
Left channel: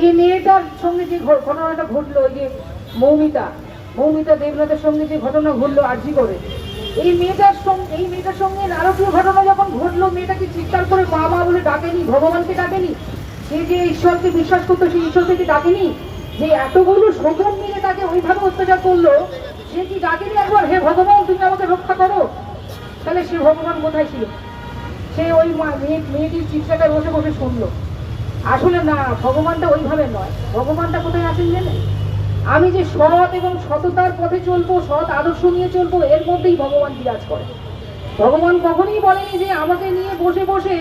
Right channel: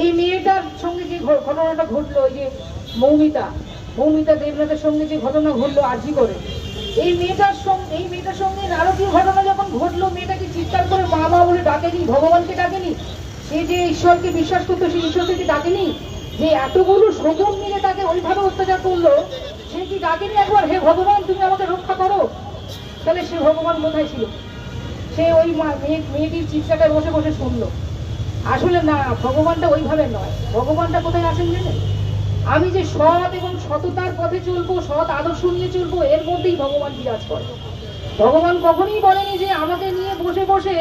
এই মেয়েটার সঙ্গে যে ঘটনাটা ঘটলো, ওই যে মৌমিতা দেবনাথের সঙ্গে যে ঘটনা ঘটলো আরজি করে, এই মেয়েটার সঙ্গে নারকীয় ঘটনা যখন ঘটলো, মেয়েটাকে চিৎকার করে মা বলে ডাকেনি, ভগবানকে ডাকেনি, সে যে ঈশ্বরকে বিশ্বাস করতো সেই ঈশ্বরকে ডাকেনি, যে এতগুলো শকুন মিলে তাকে ওইভাবে অত্যাচার করলো, সে কি ডাকেনি একবার, হে ভগবান তুমি আমাকে রক্ষা করো? তাহলে সে ভগবান কোথায় ছিল? সে ওই মেয়েটির চিৎকারটায় বসে বসে শুনলো। আসলে না, ভগবানটা ওইভাবে নয়। ভগবানটা কোথায় আছেন জানেন? আমি যে সৎ এবং সততার পথে চলবো, সৎ আদর্শ নিয়ে চলবো, এর মধ্যেই ভগবান বিরাজ করে। ভগবান কখনোই বলেনি যে আমাকে নিয়ে বসে বসে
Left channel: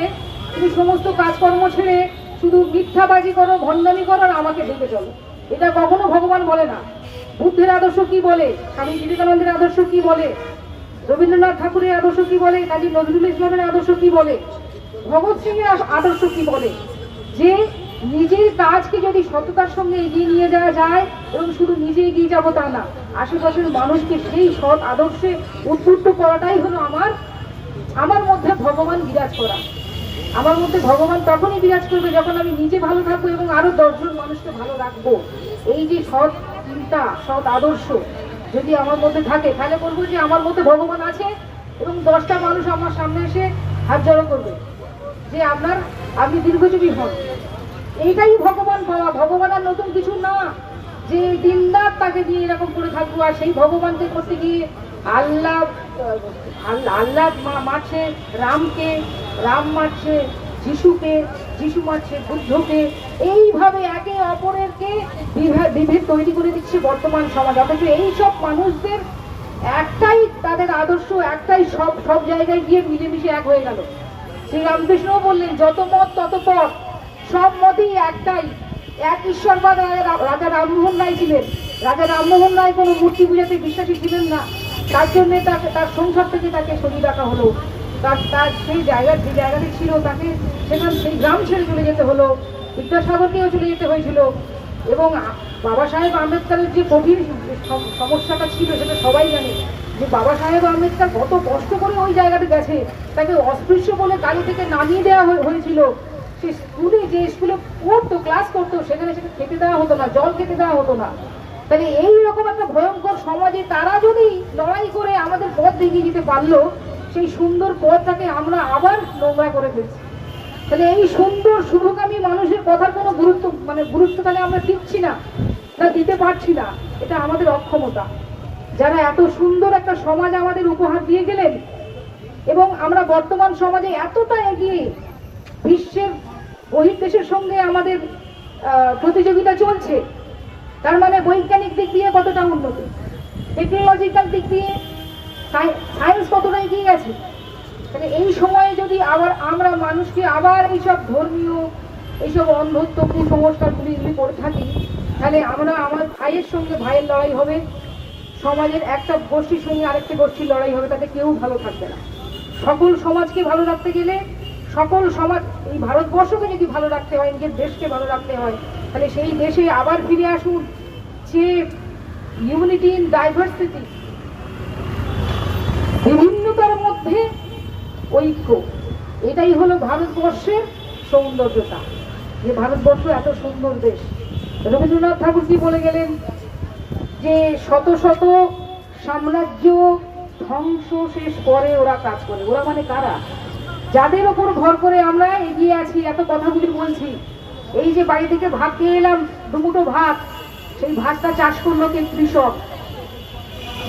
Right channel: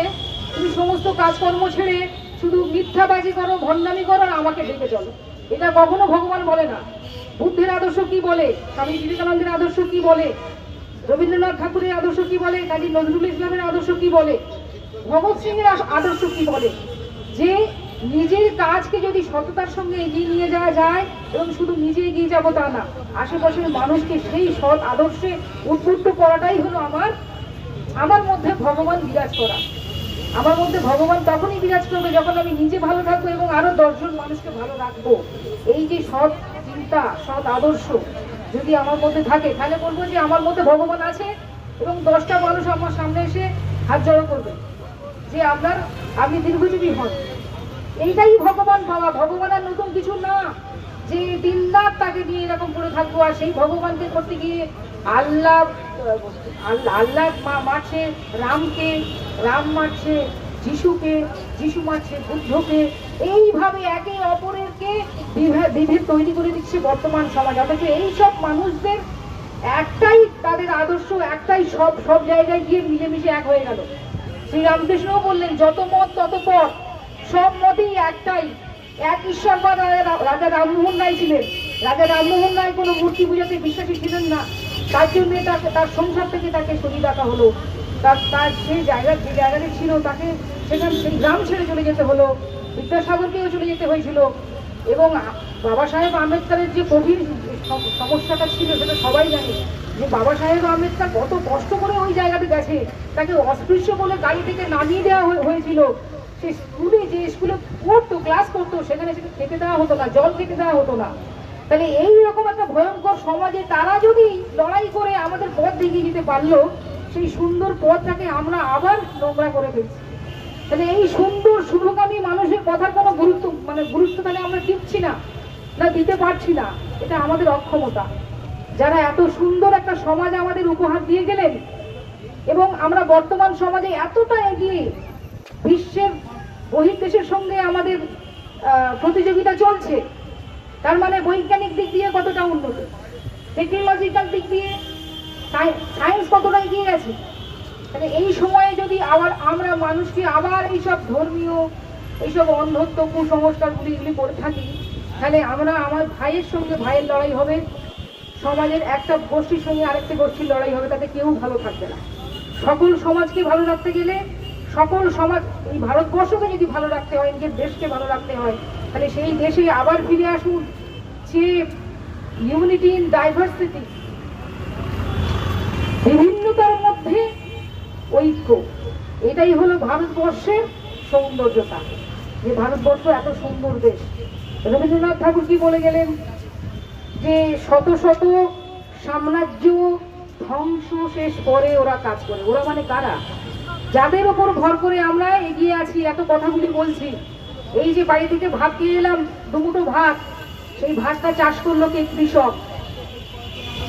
তুমি সমস্ত কাজকর্ম ছেড়ে শুধু মিথ্যাবাজি করো, ভণ্ডামি করো আর আমাকে ডেকে চলো। এটা কখনো ভগবান বলে না। বুদ্ধের আদর্শ কি বলে, স্বামী বিবেকানন্দের আদর্শ কি বলে, রবীন্দ্রনাথ ঠাকুরের আদর্শ কি বলে, কাজী নজরুল ইসলামের আদর্শ কি বলে, ভগৎ সিং এর আদর্শ কি বলে, যে নিজের কাজকে যদি সততার সঙ্গে এগিয়ে নিয়ে যাওয়া যায়, এবং শুধু নিজে এগিয়ে যাবো তা না, আশেপাশের মানুষকে সেই সৎ আদর্শে উদ্বুদ্ধ করাটাই হলো আমার মধ্যে ভগবান বিরাজ করা। আমার মধ্যে ভগবান তখনই বিরাজ করবে যখন আমি নিজে ভালো থাকবো এবং আরো 10 জন মানুষকে ভালো রাখবো। এই যে সৎ চিন্তা, সৎ আদর্শ যদি আমার মধ্যে থাকে, তাহলে বলবো যে আমার মধ্যে ভগবান আছে, এবং 10টা মানুষ আমার সামনে এসে হাত জড়ো করবে যে আপনি দীর্ঘজীবী হন। এইটাই ভগবান পাওয়া। ভগবান আর নতুন কিছু না, যে দিনরাত তাকে দিয়ে এরকম করে থাকবো। আর সেই ভগবানকে করতে গিয়ে আল্লাহ মারছে রামকে, রাম মারছে যিশুকে, যিশু মারছে বুদ্ধকে। এইভাবে একে অপরেরকে বিভেদ তৈরি করে দিচ্ছে বর্তমান সমাজ। অথচ এইসব মানুষদের একটাই তাদের আদর্শ, একটাই সব জায়গায় গিয়ে মিলেমিশে এক হয়ে গেল। শ্রী রামকৃষ্ণও বললেন যত মত তত পথ, সব মতেই একটাই, এক ঈশ্বরবাদ। রাজা রামমোহন রায় ছিলেন। রাজা রামমোহন রায় কোনো মূর্তি পূজাতে বিশ্বাসী ছিলেন না, তার জন্য তার সংসার থেকে তাকে সরিয়ে রাখা হলো। তার সেই যে জায়গাটি ছিল তাকে সেই গ্রাম ছেড়ে চলে যেতে হলো। বিদ্যাসাগরকেও চলে যেতে হয়েছিল। এবং বাবা সাহেব আম্বেদকরের যে কঠিন সমস্যাটা ছিল সেটা সবাই জানে, যে বাবা সাহেব আম্বেদকর কত কষ্ট করে ওই জায়গাতে গেছে। তাকে অস্পৃশ্য বলে গাড়ি থেকে নামিয়ে দেওয়া হয়েছিল। সে স্কুলে পড়তো, ক্লাস করতো, সেখানে সেটা খেতে দেওয়া হতো না, জল খেতে দেওয়া হতো না। তাহলে এই রকম একটা ভয়ঙ্কর সমাজে তারা যদি লড়াই করে আমাদের পথ দেখিয়ে দিতে পারলো, সেই সুন্দর পথটাকে আমরা আবার নোংরা করে ফেলছি। তাহলে এই সুন্দর শুভকামী মানুষের কথার কোনো গুরুত্ব তাহলে আমরা দিচ্ছি না, দিতে পারছি না। এটা আমাদের অক্ষমতা। যারা এত সুন্দর একটা সমাজ আমাদের উপহার দিয়ে গেলেন, এবং আমরা বর্তমান সমাজে এতটা এগিয়ে, বিশ্বের বহির্দেশের সঙ্গে আমাদের প্রতিযোগিতা চলছে, তার মানে বৈজ্ঞানিক দিক দিয়ে কতটা উন্নত, টেকনোলজিক্যাল দিক দিয়ে সায়েন্স কতটা এগিয়ে গেছে। তাহলে এই সময়ে যদি আবার আমরা মানুষকে আবার এইসব ধর্মীয়, এইসব অন্ধত্ব, কুসংস্কারগুলি যদি করে থাকি, তাহলে আমরা আমার ভাইয়ের সঙ্গে ভাইয়ের লড়াই হবে, সমাজের একটা গোষ্ঠীর সঙ্গে আরেকটা গোষ্ঠীর লড়াই হবে, তাতে কেউ ভালো থাকবে না। সকল সমাজকে ভালো রাখতে গেলে, সকল সমাজ, এই ভারতবর্ষকে যদি ভালো রাখতে হয়, নিজের দেশকে ভালো রাখতে হয়, তাহলে সেই দেশে আবার ফিরে আসুন যে ইউনিটি ইন ডাইভার্সিটি, বিভিন্নতার মধ্যে ঐক্য। এটাই হলো ভারতবর্ষের সৌন্দর্যতা, যে ভারতবর্ষ এত সুন্দর দেশ। রবীন্দ্রনাথ ঠাকুর কি বলে গেলেন, যে শত শত সাম্রাজ্য ধ্বংস শেষ করে ওরা কাজ করে। ওরা মানে কারা? যাদের উপর ভর করে আমরা এগিয়ে আছি, এত কথাগুলি বলছি। এই যে বাড়ি থেকে ভাত খেয়ে এলাম, দুমুঠো ভাত, সেই ভাতটা চাষ করলো কে? কৃষক।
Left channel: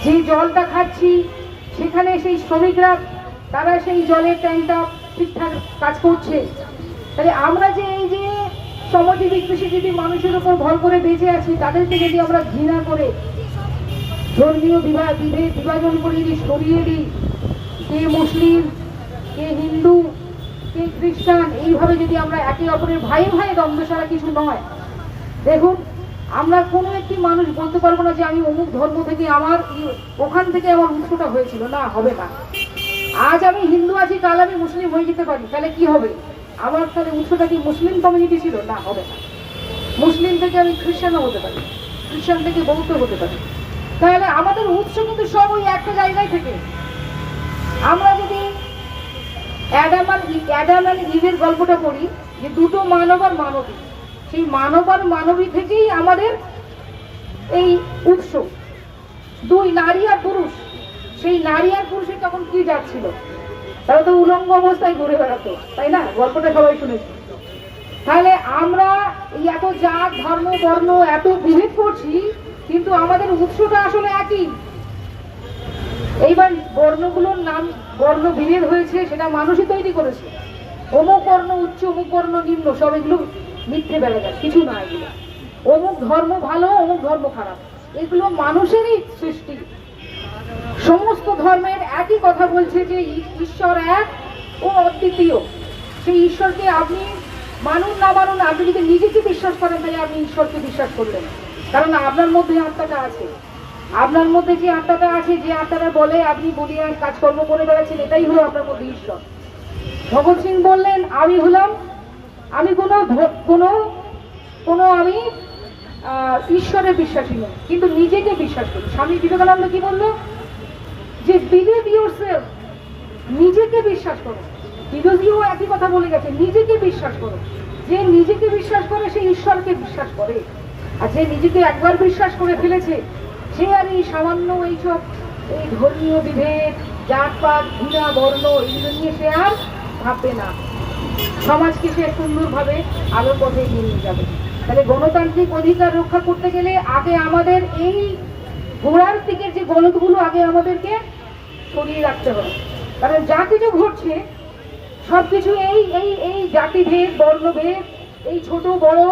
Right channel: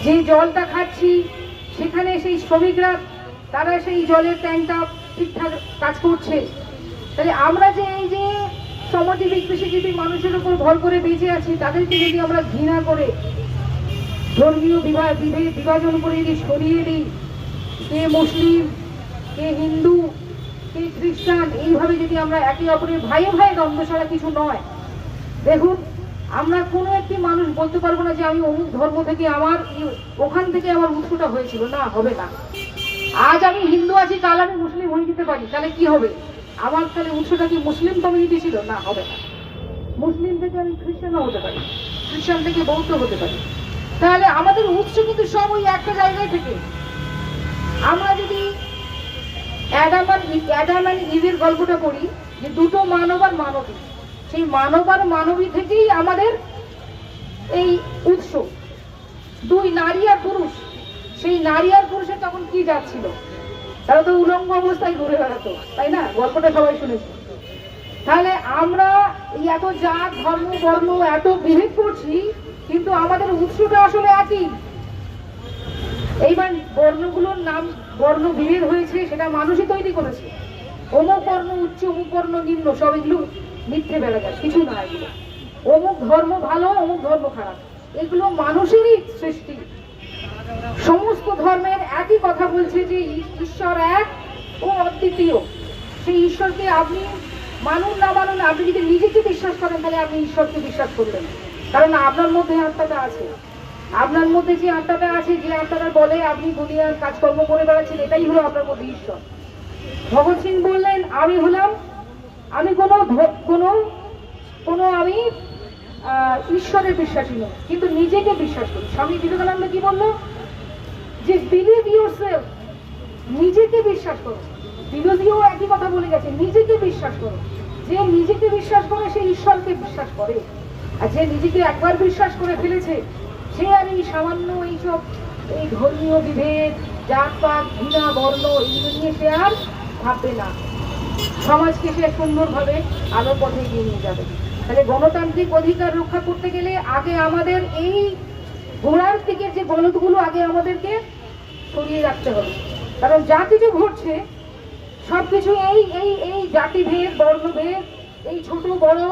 যে জলটা খাচ্ছি, সেখানে সেই শ্রমিকরা, তারা সেই জলের ট্যাঙ্কটা ঠিকঠাক কাজ করছে। তাহলে আমরা যে এই যে শ্রমজীবী কৃষিজীবী মানুষের উপর ভর করে বেঁচে আছি, তাদেরকে যদি আমরা ঘৃণা করে ধর্মীয় বিভাজন করে যদি সরিয়ে দিই, কে মুসলিম, কে হিন্দু, কে খ্রিস্টান, এইভাবে যদি আমরা একে অপরের ভাইয়ে ভাইয়ে দ্বন্দ্ব ছাড়া কিছু নয়। দেখুন, আমরা কোনো একটি মানুষ বলতে পারবো না যে আমি অমুক ধর্ম থেকে, আমার ওখান থেকে আমার উৎসটা হয়েছিল, না, হবে না। আজ আমি হিন্দু আছি, কাল আমি মুসলিম হয়ে যেতে পারি, তাহলে কি হবে? আমার তাহলে উৎসটা কি মুসলিম কমিউনিটি ছিল? না, হবে না। মুসলিম থেকে আমি খ্রিস্টানও হতে পারি, খ্রিস্টান থেকে বৌদ্ধ হতে পারি। তাহলে আমাদের উৎস কিন্তু সব ওই একটা জায়গায় থেকে। আমরা যদি অ্যাডাম আর ইভের গল্পটা পড়ি, যে দুটো মানব আর মানবী, সেই মানব আর মানবী থেকেই আমাদের এই উৎস। দুই নারী আর পুরুষ, সেই নারী আর পুরুষের তখন কি যাচ্ছিল? তারা তো উলঙ্গ অবস্থায় ঘুরে বেড়াতো, তাই না? গল্পটা সবাই শুনেছি। তাহলে আমরা এই এত জাত, ধর্ম, বর্ণ এত বিভেদ করছি, কিন্তু আমাদের উৎসটা আসলে একই। এইবার বর্ণগুলোর নাম, বর্ণ বিভেদ হয়েছে, সেটা মানুষই তৈরি করেছে। অমুক বর্ণ উচ্চ, অমুক বর্ণ নিম্ন, সব এগুলো মিথ্যে বেড়ে গেছে, কিছু না। এগুলো অমুক ধর্ম ভালো, অমুক ধর্ম খারাপ, এগুলো মানুষেরই সৃষ্টি। সমস্ত ধর্মের একই কথা বলছে যে ঈশ্বর এক ও অদ্বিতীয়। সেই ঈশ্বরকে আপনি মানুন না মানুন, আপনি যদি নিজেকে বিশ্বাস করেন, তাহলে আপনি ঈশ্বরকে বিশ্বাস করবেন, কারণ আপনার মধ্যে আত্মাটা আছে। আপনার মধ্যে যে আত্মাটা আছে, যে আত্মাটা বলে আপনি বলিয়ান কাজকর্ম করে বেড়াচ্ছেন, এটাই হলো আপনার মধ্যে ঈশ্বর। ভগৎ সিং বললেন, আমি হলাম, আমি কোনো আমি ঈশ্বরে বিশ্বাসী নই, কিন্তু নিজেকে বিশ্বাস করি। স্বামী বিবেকানন্দ কি বললো, যে বিলিভ ইয়োরসেলফ, নিজেকে বিশ্বাস করো। বিরোধীও একই কথা বলে গেছে, নিজেকে বিশ্বাস করো। যে নিজেকে বিশ্বাস করে সে ঈশ্বরকে বিশ্বাস করে, আর যে নিজেকে একবার বিশ্বাস করে ফেলেছে, সে আর এই সামান্য এইসব এই ধর্মীয় বিভেদ, জাতপাত, ঘৃণা, বর্ণ, এগুলো নিয়ে সে আর ভাববে না। সমাজকে সে সুন্দরভাবে আলোর পথে এগিয়ে নিয়ে যাবে। তাহলে গণতান্ত্রিক অধিকার রক্ষা করতে গেলে আগে আমাদের এই ঘোড়ার দিকে যে গলদগুলো আগে আমাদেরকে সরিয়ে রাখতে হবে। কারণ যা কিছু ঘটছে সবকিছু এই এই এই জাতিভেদ, বর্ণভেদ, এই ছোট বড়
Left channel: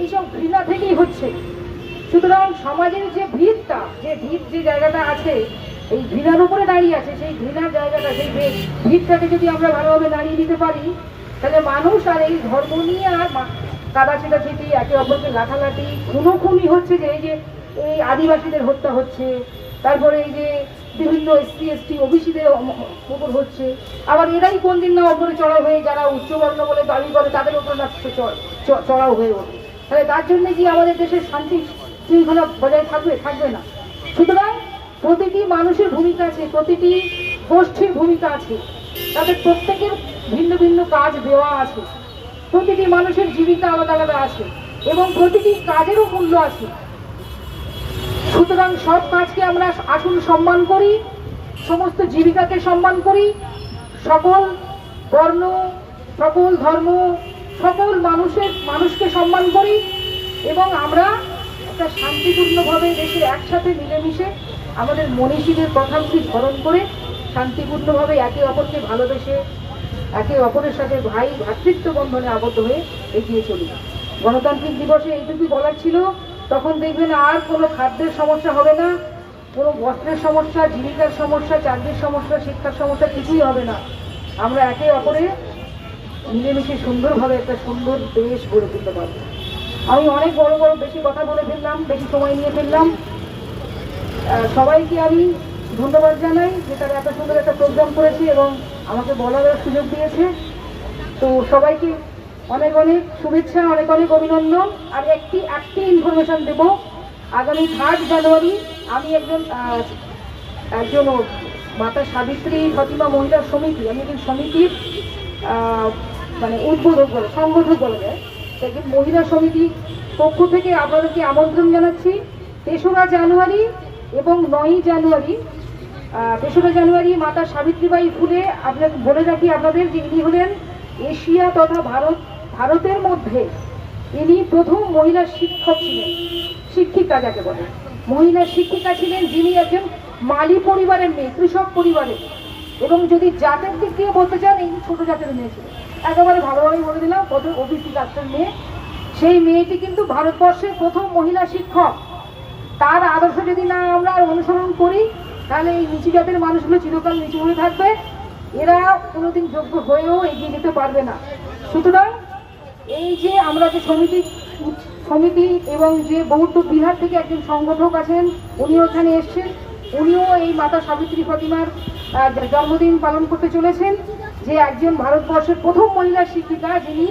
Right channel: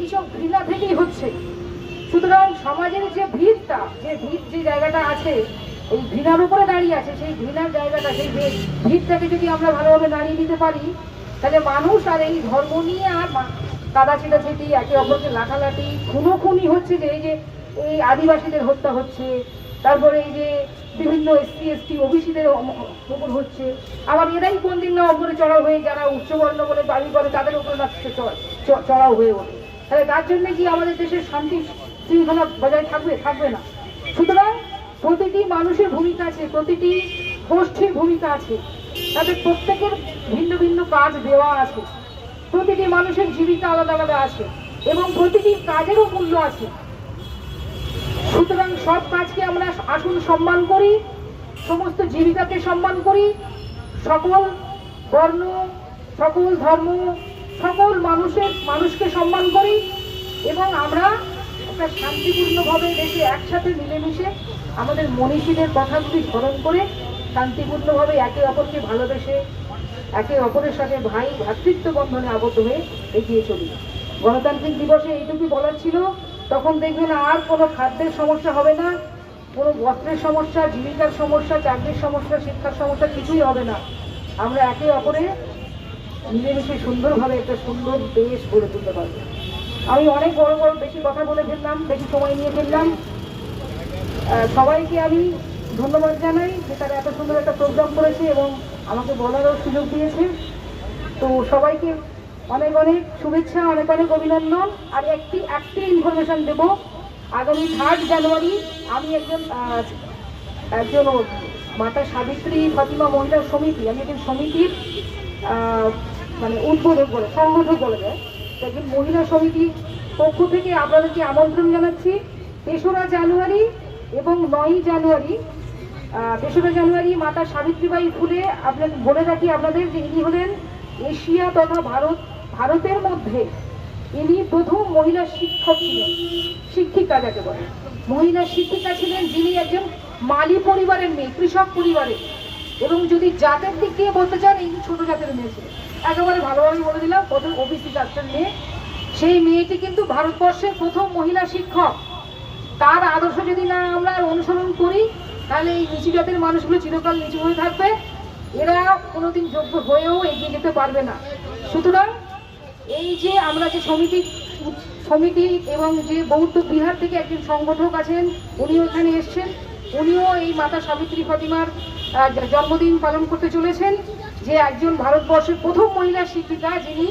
এইসব ঘৃণা থেকেই হচ্ছে। সুতরাং সমাজের যে ভিতটা, যে জায়গাটা আছে, এই ঘৃণার উপরে দাঁড়িয়ে আছে, সেই ঘৃণার জায়গাটা, সেই ভিতটাকে যদি আমরা ভালোভাবে দাঁড়িয়ে দিতে পারি, তাহলে মানুষ আর এই ধর্ম নিয়ে আর কাদা ছিটাছিটি, একে অপরকে লাঠালাঠি, খুনোখুনি হচ্ছে, যে এই আদিবাসীদের হত্যা হচ্ছে, তারপরে এই যে বিভিন্ন SC ST ওবিসিদের উপর হচ্ছে, আবার এরাই কোন দিন না ওপরে চড়াও হয়ে, যারা উচ্চবর্ণ বলে দাবি করে, তাদের উপর না চড়াও হয়ে ওঠে। তাহলে তার জন্য কি আমাদের দেশের শান্তি শৃঙ্খলা বজায় থাকবে না। সুতরাং প্রতিটি মানুষের ভূমিকা আছে, প্রতিটি গোষ্ঠীর ভূমিকা আছে, তাদের প্রত্যেকের ভিন্ন ভিন্ন কাজ দেওয়া আছে, প্রতিটি মানুষের জীবিকা আলাদা আলাদা আছে, এবং প্রতিটি কাজেরও মূল্য আছে। সুতরাং সব কাজকে আমরা আসুন সম্মান করি, সমস্ত জীবিকাকে সম্মান করি, সকল বর্ণ, সকল ধর্ম, সকল মানুষকে সম্মান করি এবং আমরা একটা শান্তিপূর্ণভাবে দেশে একসাথে মিলেমিশে আমাদের মনীষীদের কথাগুলি স্মরণ করে শান্তিপূর্ণভাবে একে অপরকে ভালোবেসে একে অপরের সাথে ভাই ভ্রাতৃত্ব বন্ধনে আবদ্ধ হয়ে এগিয়ে চলি। গণতান্ত্রিক দিবসে এইটুকুই বলার ছিল। তখন দেখবেন আর কোনো খাদ্যের সমস্যা হবে না, কোনো বস্ত্রের সমস্যা, জীবিকার সমস্যা, চাকরির সমস্যা, শিক্ষার সমস্যা কিছুই হবে না। আমরা একে অপরে মিলেমিশে সুন্দরভাবে একটা সুন্দর দেশ গড়ে তুলতে পারবো। আমি অনেক বড় বেশি কথা বলে ফেললাম, বেশি সময় নিয়ে ফেললাম। সবাইকে আমি ধন্যবাদ জানাই যে তারা এত সুন্দর একটা প্রোগ্রাম করেছে এবং আমাকে বলারও সুযোগ দিয়েছে। তো সবাইকে অনেক অনেক শুভেচ্ছা, অনেক অনেক অভিনন্দন। আর একটি ইনফরমেশন দেব, আগামী 3 জানুয়ারি আমি একজন মাতা সাবিত্রী ফতিমা মহিলা সমিতি, আমি একজন সমিতির মানে উদ্বোধক বলে সংগঠক বলে যায়, একজন মহিলা সমিতির পক্ষ থেকে আপনাদেরকে আমন্ত্রণ জানাচ্ছি 3রা জানুয়ারি এবং 9ই জানুয়ারি। 3রা জানুয়ারি মাতা সাবিত্রীবাই ফুলে, আপনাকে বলে রাখি আপনাদের যে ইনি হলেন এশিয়া তথা ভারতের মধ্যে ইনি প্রথম মহিলা শিক্ষক ছিলেন, শিক্ষিকা যাকে বলে, মহিলা শিক্ষিকা ছিলেন, যিনি একজন মালি পরিবারের মেয়ে, কৃষক পরিবারের। এবং যদি জাতের দিক দিয়ে বলতে চান, এই ছোট জাতের মেয়ে ছিলেন, একেবারে ভালোভাবে বলে দিলাম, প্রথম ওবিসি কাস্টের মেয়ে। সেই মেয়েটি কিন্তু ভারতবর্ষের প্রথম মহিলা শিক্ষক। তার আদর্শ যদি না আমরা অনুসরণ করি তাহলে এই নিচু জাতের মানুষগুলো চিরকাল নিচু হয়ে থাকবে, এরা কোনোদিন যোগ্য হয়েও এগিয়ে যেতে পারবে না। সুতরাং এই যে আমরা যে সমিতি এবং যে বৌদ্ধ বিহার থেকে একজন সংগঠক আছেন, উনিও এখানে এসছেন, উনিও এই মাতা সাবিত্রী ফতিমার জন্মদিন পালন করতে চলেছেন, যে একজন ভারতবর্ষের প্রথম মহিলা শিক্ষিকা, যিনি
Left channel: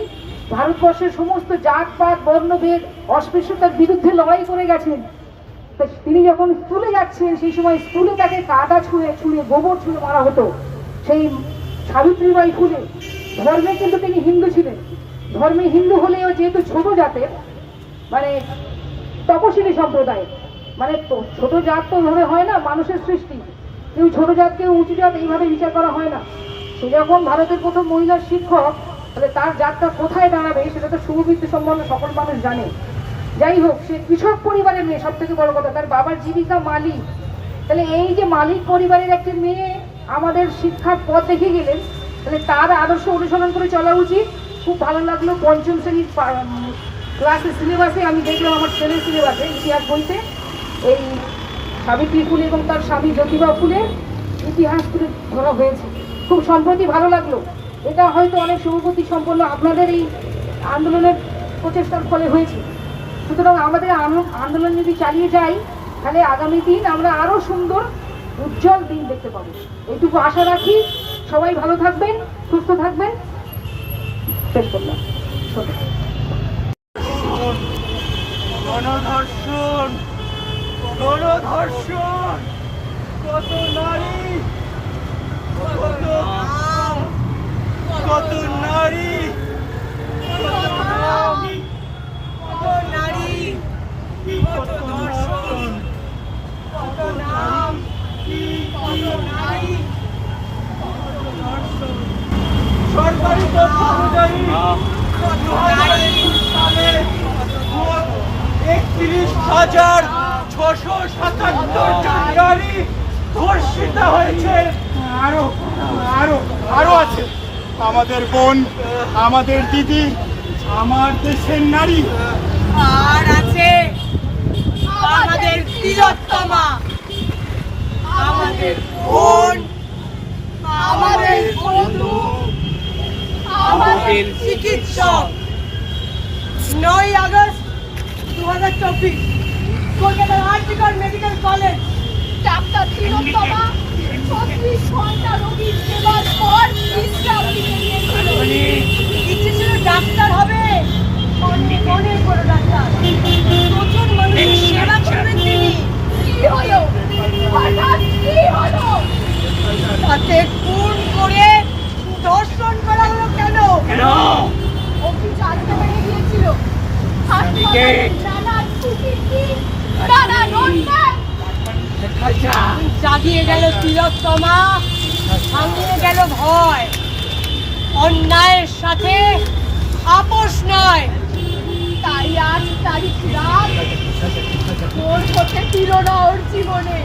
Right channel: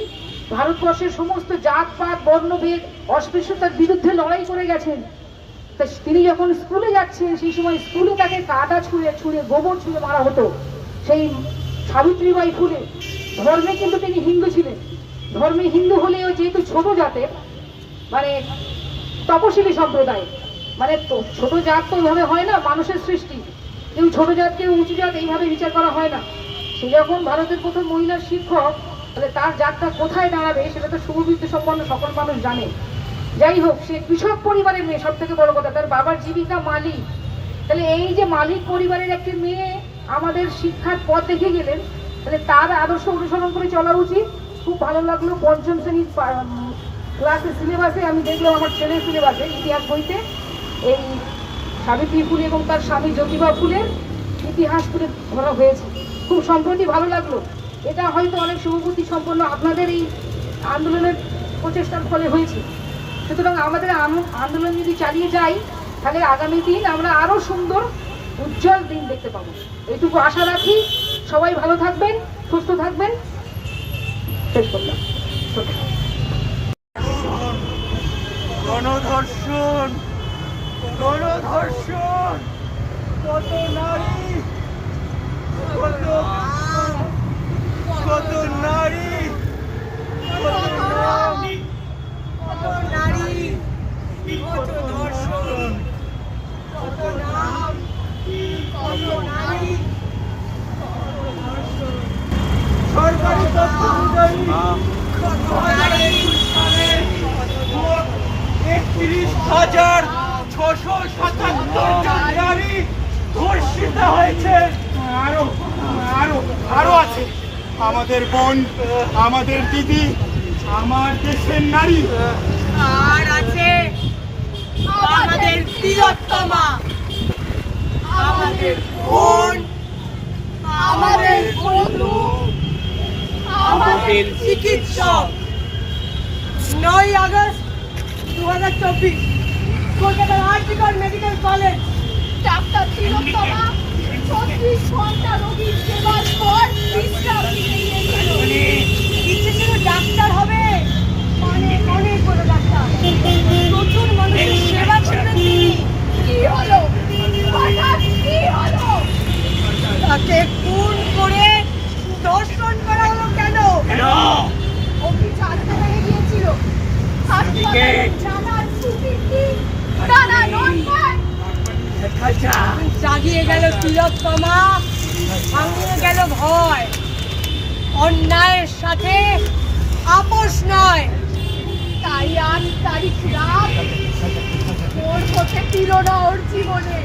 ভারতবর্ষের সমস্ত জাতপাত বর্ণভেদ অস্পৃশ্যতার বিরুদ্ধে লড়াই করে গেছেন। তিনি যখন স্কুলে যাচ্ছেন সেই সময় স্কুলে তাকে কাদা ছুঁড়ে গোবর ছুঁড়ে মারা হতো। সেই সাবিত্রীবাই ফুলে ধর্মে কিন্তু তিনি হিন্দু ছিলেন, ধর্মে হিন্দু হলেও যেহেতু ছোট জাতের মানে তপশিলি সম্প্রদায়, মানে ছোট জাত তো ওইভাবে হয় না, মানুষের সৃষ্টি, কেউ ছোট জাতকে উঁচু জাত এইভাবে বিচার করা হয় না। সে যখন ভারতের প্রথম মহিলা শিক্ষক, তাহলে তার জাতটা কোথায় দাঁড়াবে সেটা তো সুবিধা সম্বন্ধে সকল মানুষ জানে। যাই হোক, সে কৃষক পরিবারের মেয়ে, সব থেকে বড় কথা তার বাবার জীবিকা মালিক। তাহলে এই যে মালিক পরিবারের একটি মেয়ে আমাদের শিক্ষার পথ দেখে গেলেন, তাহলে তার আদর্শ অনুসরণ করে চলা উচিত। খুব ভালো লাগলো, 5ম শ্রেণীর ক্লাসের সিলেবাসে আমি দেখলাম, আমার ছেলের সিলেবাসে ইতিহাস বইতে এই সাবিত্রী ফুলে এবং তার স্বামী জ্যোতিবা ফুলের ইতিহাস তুলে ধরা হয়েছে। খুব সম্প্রতি ভালো লাগলো। এটা হয়তো অনেক শুভবুদ্ধি সম্পন্ন আপনাদের এই আন্দোলনের প্রচেষ্টার ফলে হয়েছে। সুতরাং আমাদের আন্দোলন যদি চালিয়ে যাই তাহলে আগামী দিন আমরা আরো সুন্দর উজ্জ্বল দিন দেখতে পাবো, এইটুকু আশা রাখি। সবাই ভালো থাকবেন, সুস্থ থাকবেন। শেষ করলাম। গণধর্ষণ, কত নারী, কত নারী, কত ধর্ষণ, কত নাম, কত নারী, সরকারি তথ্য অনুযায়ী 2021 সালে 31,677 নারী ধর্ষিত হয়েছে। আরো আছে আমাদের বোন, আমাদের দিদি, আমার দেশের নারী। আর আছে আমাদের প্রিয়তমা, আমাদের বোন, আমাদের বন্ধু, আমাদের চিকিৎসক। 9ই আগস্ট 2024 কলকাতার আরজিকর মেডিকেল কলেজ, ডাক্তার প্রিয়তমা 36 ঘন্টা রোগীর সেবার পর বিশ্রাম নিতে গিয়েছিল। ইচ্ছে ছিল ডাক্তার হবে, অনেক অনেক বড় ডাক্তার, প্রচুর মানুষের সেবা করবেন তিনি। কি হলো, হঠাৎ কি হলো? তাকে খুন করে ধর্ষণ করা হলো কেন? ও কি জানতে পেরে গিয়েছিল হাসপাতালে নানা কুকীর্তি, নানা নোটপ্যাড উঠিয়ে গেল তিলোত্তমা, ভাঙিয়ে গেল ভয়। অন্যায়ের সাথে আপোষ নয়, তাই 8 তারিখ রাত ওর হতে দিল না ওর জীবনে।